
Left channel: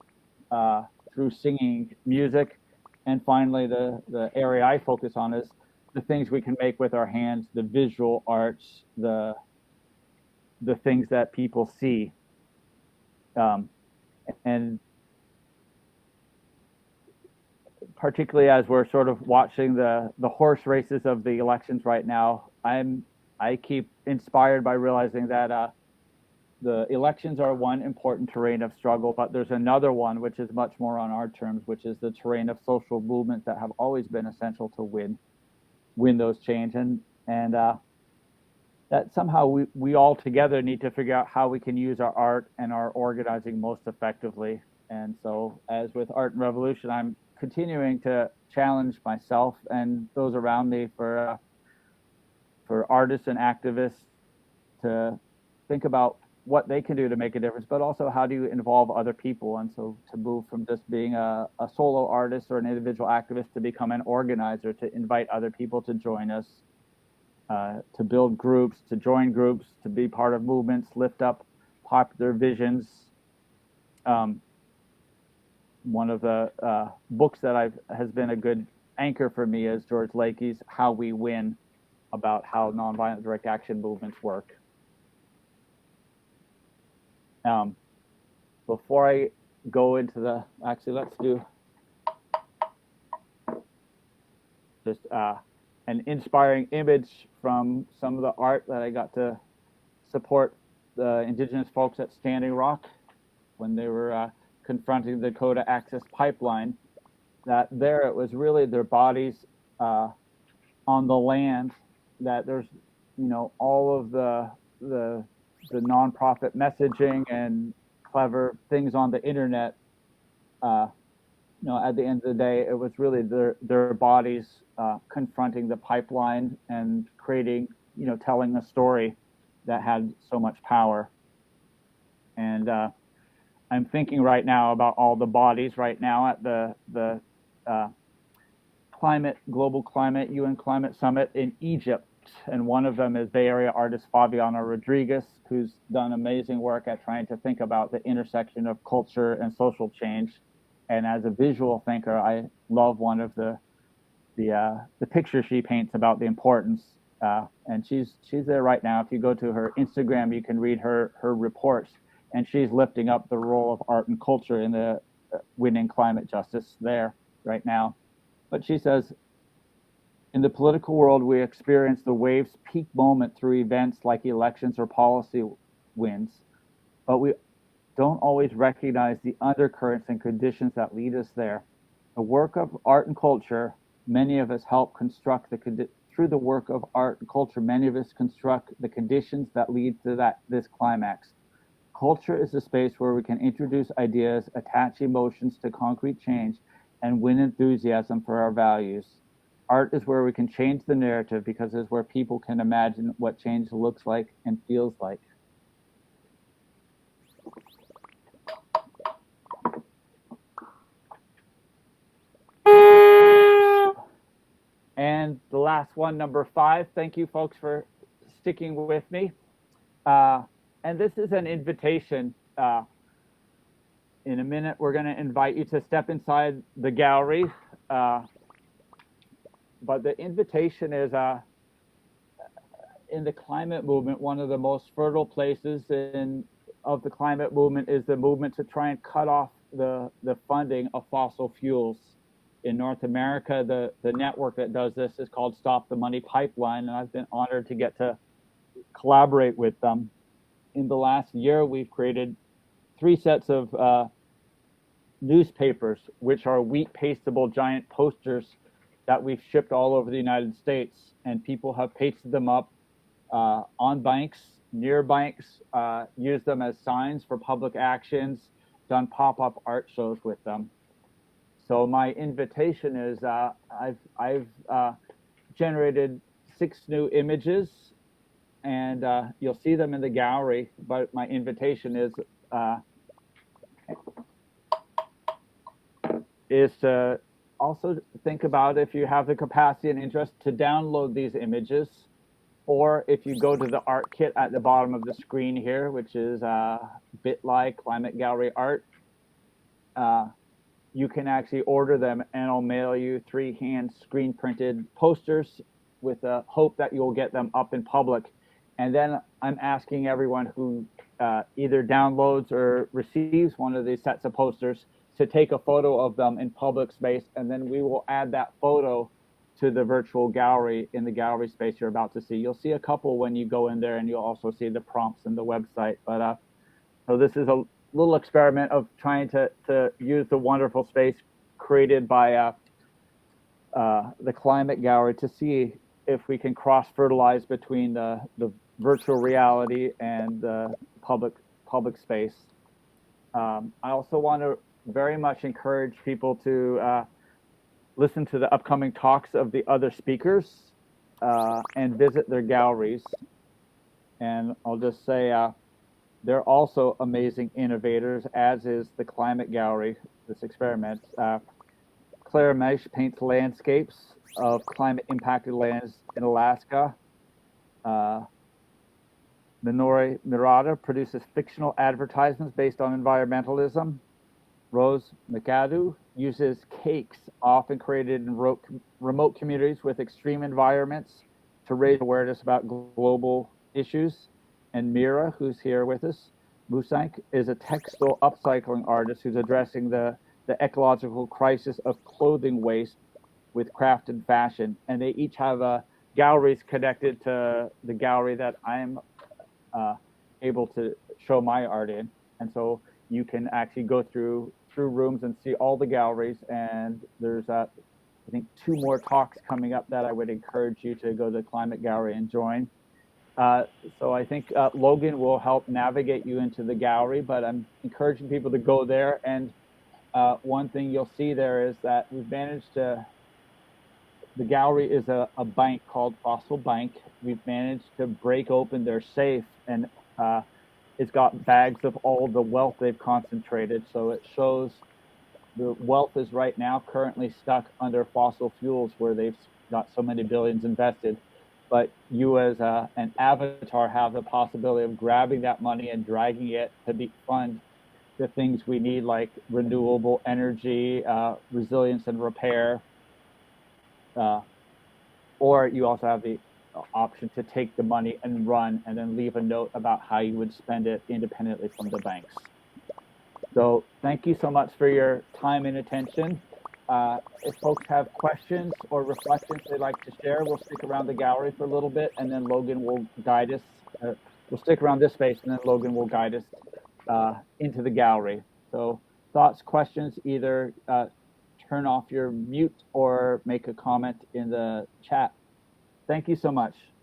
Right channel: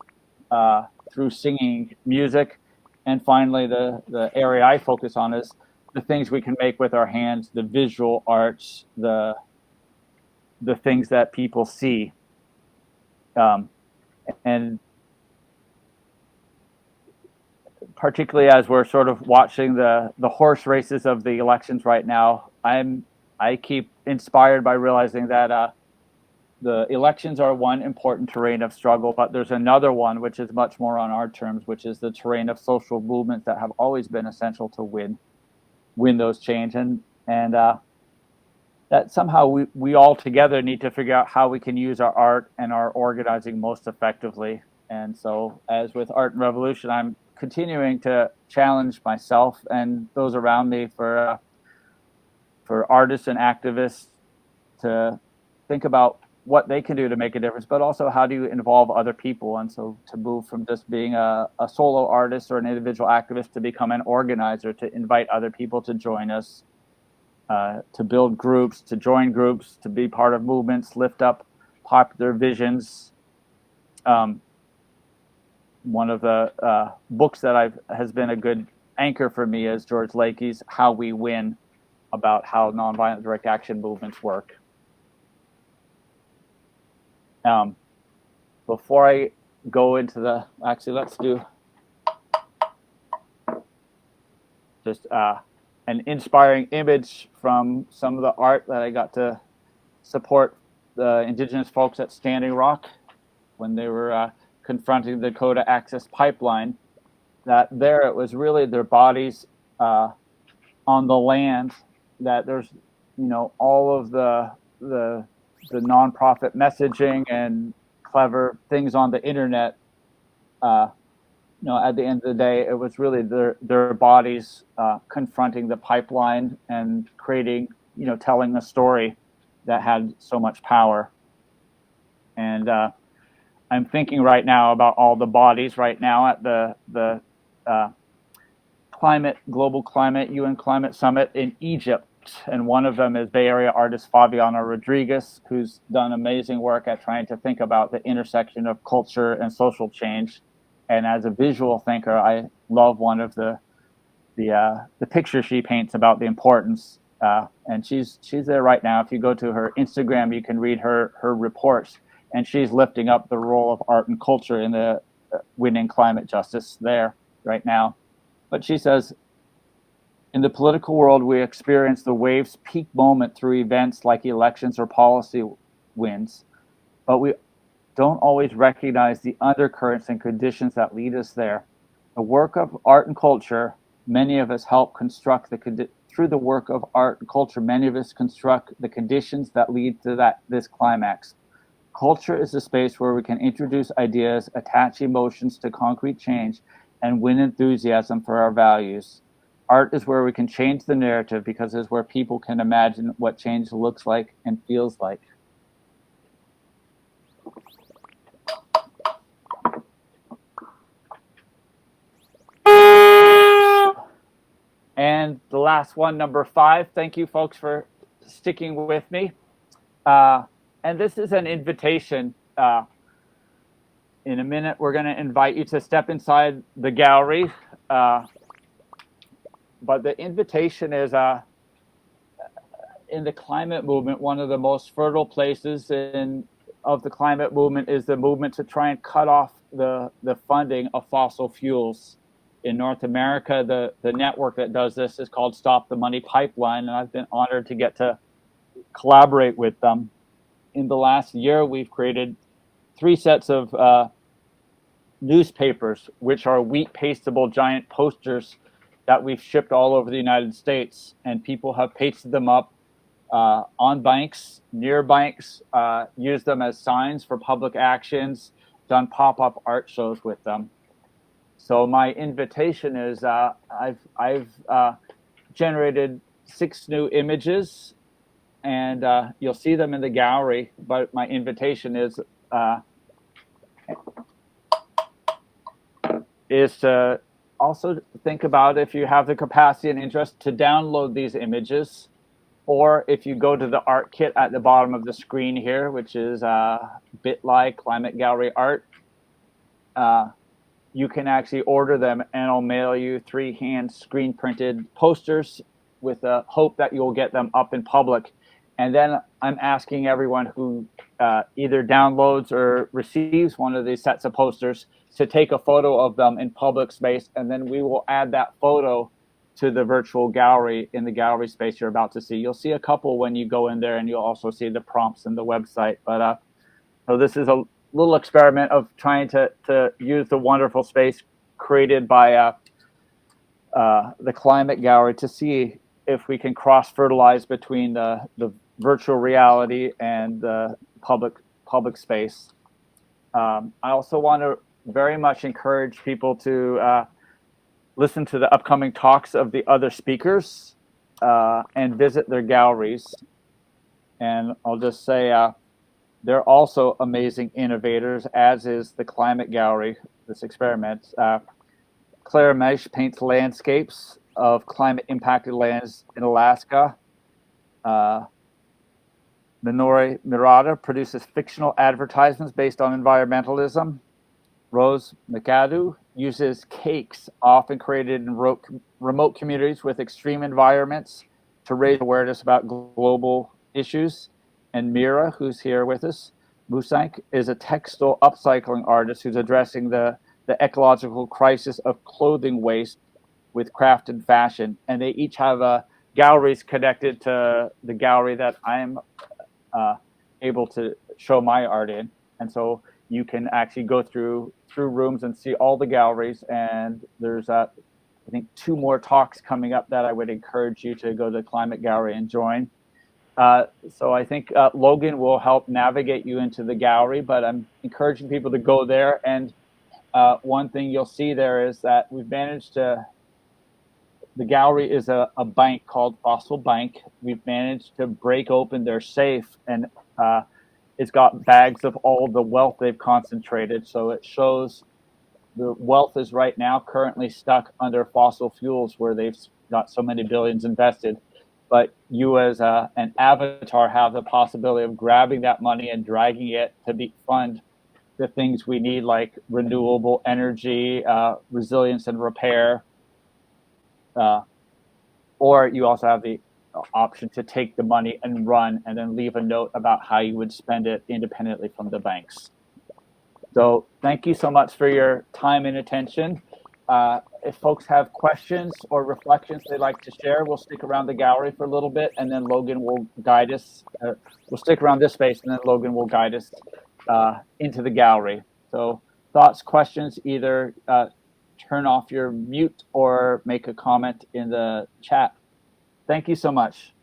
through singing, music. And finally, the area I focus on is the things we can make with our hands, the visual arts, the things that people see. And particularly as we're sort of watching the horse races of the elections right now, I keep inspired by realizing that the elections are one important terrain of struggle, but there's another one which is much more on our terms, which is the terrain of social movements that have always been essential to win those change, and that somehow we all together need to figure out how we can use our art and our organizing most effectively. And so, as with Art and Revolution, I'm continuing to challenge myself and those around me for artists and activists to think about what they can do to make a difference, but also how do you involve other people. And so to move from just being a solo artist or an individual activist to become an organizer, to invite other people to join us, to build groups, to join groups, to be part of movements, lift up popular visions. One of the books that has been a good anchor for me is George Lakey's How We Win, about how nonviolent direct action movements work. Before I go into let's do just an inspiring image from some of the art that I got to support the indigenous folks at Standing Rock when they were confronting the Dakota Access Pipeline. That there it was really their bodies on the land, that there's, you know, all of the nonprofit messaging and clever things on the internet. You know, at the end of the day, it was really their bodies confronting the pipeline and creating, you know, telling a story that had so much power. And I'm thinking right now about all the bodies right now at the Global Climate, UN Climate Summit in Egypt. And one of them is Bay Area artist Fabiana Rodriguez, who's done amazing work at trying to think about the intersection of culture and social change. And as a visual thinker, I love one of the pictures she paints about the importance. And she's there right now. If you go to her Instagram, you can read her reports, and she's lifting up the role of art and culture in the winning climate justice there right now. But she says, in the political world, we experience the wave's peak moment through events like elections or policy wins, but we don't always recognize the undercurrents and conditions that lead us there. The work of art and culture, many of us help construct through the work of art and culture, many of us construct the conditions that lead to this climax. Culture is a space where we can introduce ideas, attach emotions to concrete change, and win enthusiasm for our values. Art is where we can change the narrative because it's where people can imagine what change looks like and feels like. And the last one, number 5. Thank you, folks, for sticking with me. And this is an invitation. In a minute, we're going to invite you to step inside the gallery. But the invitation is in the climate movement, one of the most fertile places of the climate movement is the movement to try and cut off the funding of fossil fuels. In North America, the network that does this is called Stop the Money Pipeline, and I've been honored to get to collaborate with them. In the last year, we've created 3 sets of newspapers, which are wheat pastable giant posters that we've shipped all over the United States, and people have pasted them up on banks, near banks, used them as signs for public actions, done pop-up art shows with them. So my invitation is I've generated 6 new images, and you'll see them in the gallery. But my invitation is to also think about, if you have the capacity and interest, to download these images, or if you go to the art kit at the bottom of the screen here, which is bit.ly Climate Gallery Art. You can actually order them, and I'll mail you 3 hand screen printed posters with the hope that you'll get them up in public. And then I'm asking everyone who either downloads or receives one of these sets of posters to take a photo of them in public space, and then we will add that photo to the virtual gallery in the gallery space you're about to see. You'll see a couple when you go in there, and you'll also see the prompts in the website. But so this is a little experiment of trying to use the wonderful space created by the Climate Gallery to see if we can cross-fertilize between the virtual reality and the public space. I also want to very much encourage people to listen to the upcoming talks of the other speakers and visit their galleries. And I'll just say, they're also amazing innovators, as is the Climate Gallery, this experiment. Claire Mesh paints landscapes of climate-impacted lands in Alaska. Minori Murata produces fictional advertisements based on environmentalism. Rose McAdoo uses cakes, often created in remote communities with extreme environments, to raise awareness about global issues. And Mira, who's here with us, Musank, is a textile upcycling artist who's addressing the ecological crisis of clothing waste with craft and fashion. And they each have galleries connected to the gallery that I'm able to show my art in. And so you can actually go through rooms and see all the galleries. And there's, I think, 2 more talks coming up that I would encourage you to go to the Climate Gallery and join. So I think Logan will help navigate you into the gallery, but I'm encouraging people to go there. And one thing you'll see there is that we've managed to, the gallery is a bank called Fossil Bank. We've managed to break open their safe, and it's got bags of all the wealth they've concentrated. So it shows the wealth is right now currently stuck under fossil fuels, where they've got so many billions invested. But you as an avatar have the possibility of grabbing that money and dragging it to fund the things we need, like renewable energy, resilience and repair. Or you also have the option to take the money and run, and then leave a note about how you would spend it independently from the banks. So thank you so much for your time and attention. If folks have questions or reflections they'd like to share, we'll stick around the gallery for a little bit, and then Logan will guide us. We'll stick around this space, and then Logan will guide us into the gallery. So thoughts, questions, either turn off your mute or make a comment in the chat. Thank you so much.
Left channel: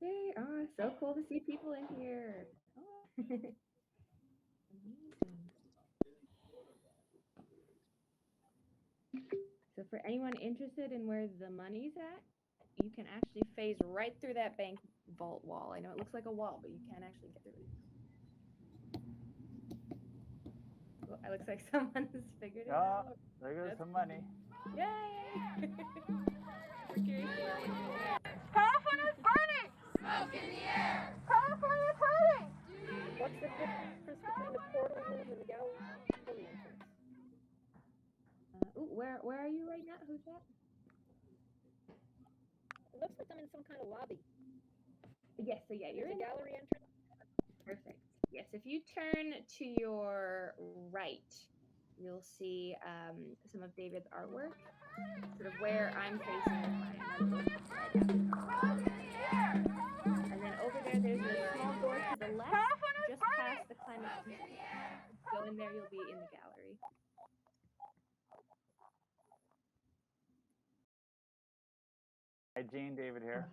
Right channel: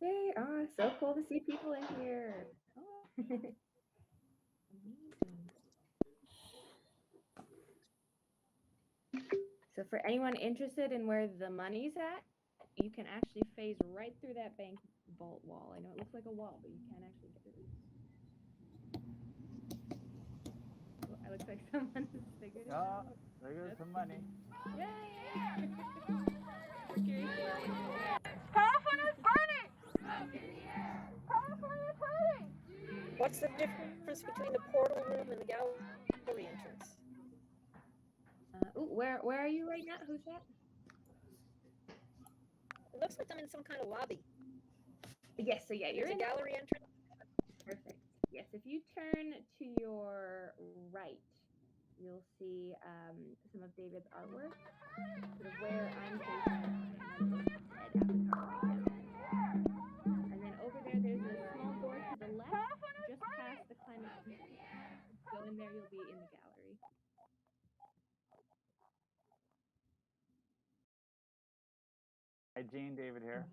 Yay! Oh, so cool to see people in here. Oh. Amazing. So for anyone interested in where the money's at, you can actually phase right through that bank vault wall. I know it looks like a wall, but you can't actually get through it. Well, it looks like someone has figured it out. There goes some money. Yay! We're curious to know what California is burning! Smoke in the air! California is hurting! What's the difference between the portal room and the gallery entrance? where are you right now? Who's that? It looks like I'm in some kind of lobby. Yes, so yeah, you're There's in a gallery entrance. Perfect. Yes, if you turn to your right, you'll see some of David's artwork, sort of where I'm facing and then over there, there's a small door to the left, just past the climate control. Go in there, you'll be in the gallery. Hi, Gene, David here.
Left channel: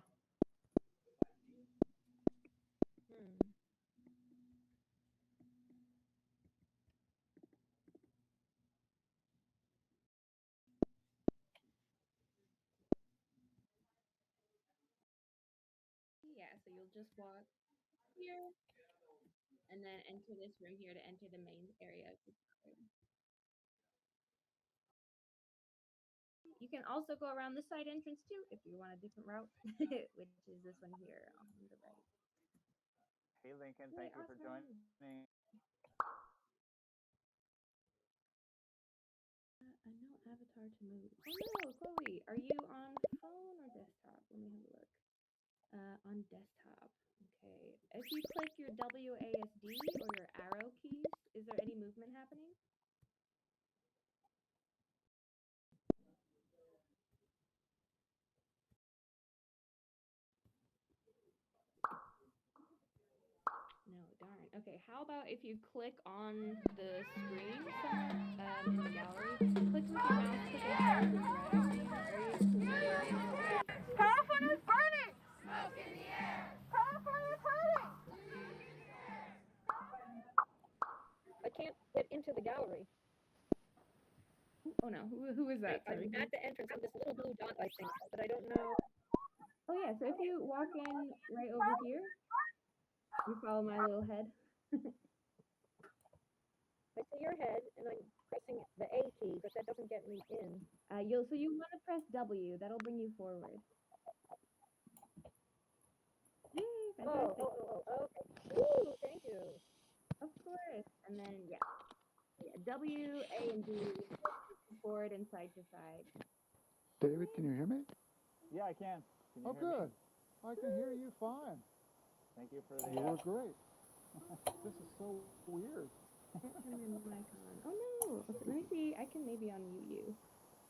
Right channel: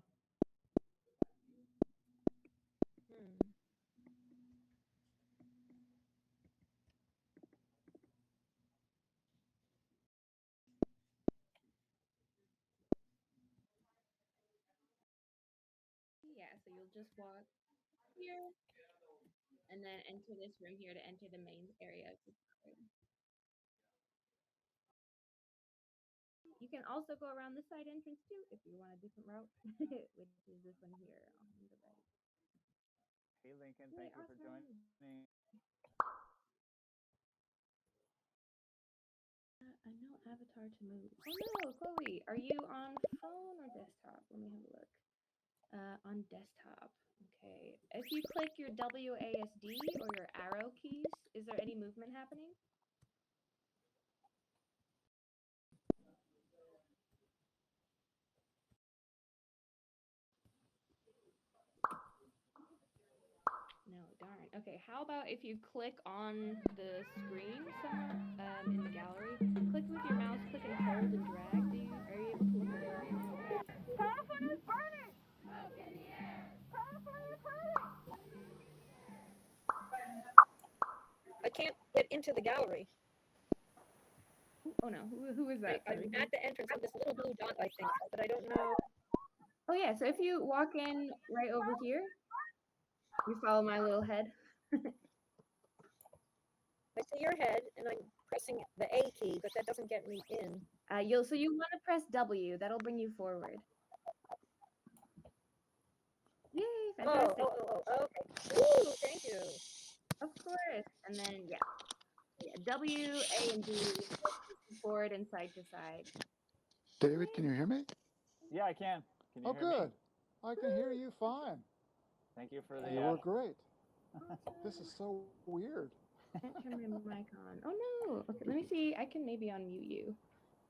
Yeah, so you'll just walk here and then enter this room here to enter the main area of the gallery. You can also go around the side entrance too if you want a different route, which is this one here on the right. Hey, Lincoln, thank you for joining. I know avatar to move. Oh no, Chloe, are you on phone or desktop? Let me have a look. On desktop. Okay. If you click your WASD or your arrow keys, is there any movement happening? No, darn. Okay, how about if you click on the screen somewhere in the gallery, click with your mouse, click and hold and drag. Are you able to look at it? California is burning! Smoke in the air! California is hurting! I can't get into the gallery. Oh no, who is that? Sorry. I'm at the entrance of this little blue dot, I think, but I don't know. Oh yeah, so if you walk in right over here, you follow my little head. I see your head, and I'm pressing the A key, but that doesn't get me in. So you want to press W. That'll bring you forward. Yay! Fantastic. Oh, okay. Ooh, thank you. Of course. And then yeah, W, A, and D, forward and side to side. David, can you hear me? Yeah, I can. Can you Oh, hear me? good. I can hear you fine. Thank you for the. You were great. This is so weird. Can't turn my mic on. Oh no. Okay, let me see. I can maybe unmute you.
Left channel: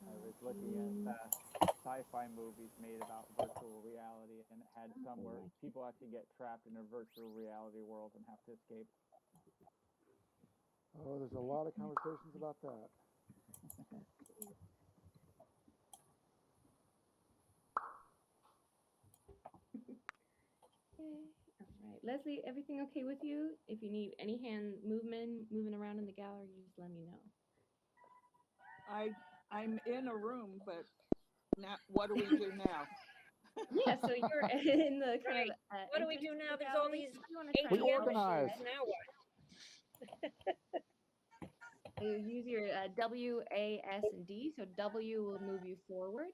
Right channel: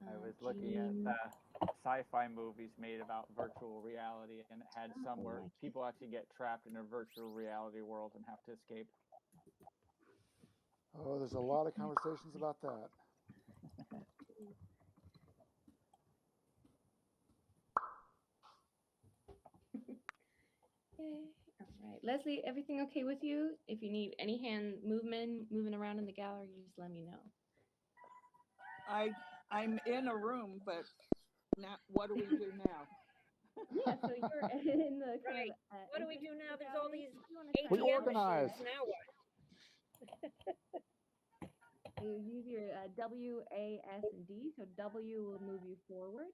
I was looking at sci-fi movies made about virtual reality, and it had some where people actually get trapped in a virtual reality world and have to escape. Oh, there's a lot of conversations about that. Okay. All right. Leslie, everything okay with you? If you need any hand moving around in the gallery, you just let me know. I'm in a room, but now what do we do now? Yeah, so you're in the kind of. What do we do now? There's all these We ATM organize. machines. Now what? You use your W, A, S, and D. So W will move you forward.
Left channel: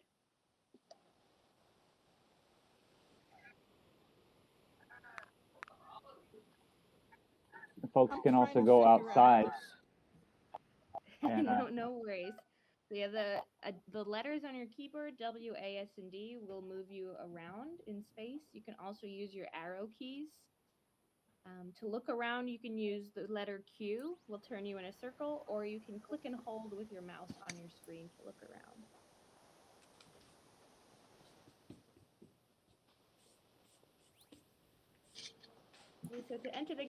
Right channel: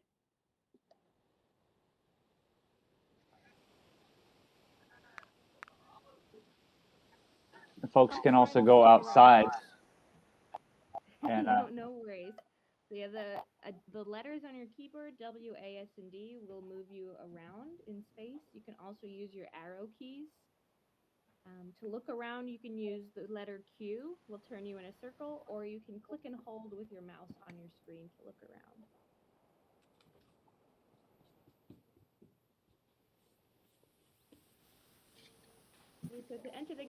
The folks can also go outside. And, No worries. So yeah, the letters on your keyboard, W, A, S, and D, will move you around in space. You can also use your arrow keys. To look around, you can use the letter Q, will turn you in a circle, or you can click and hold with your mouse on your screen to look around. So to enter the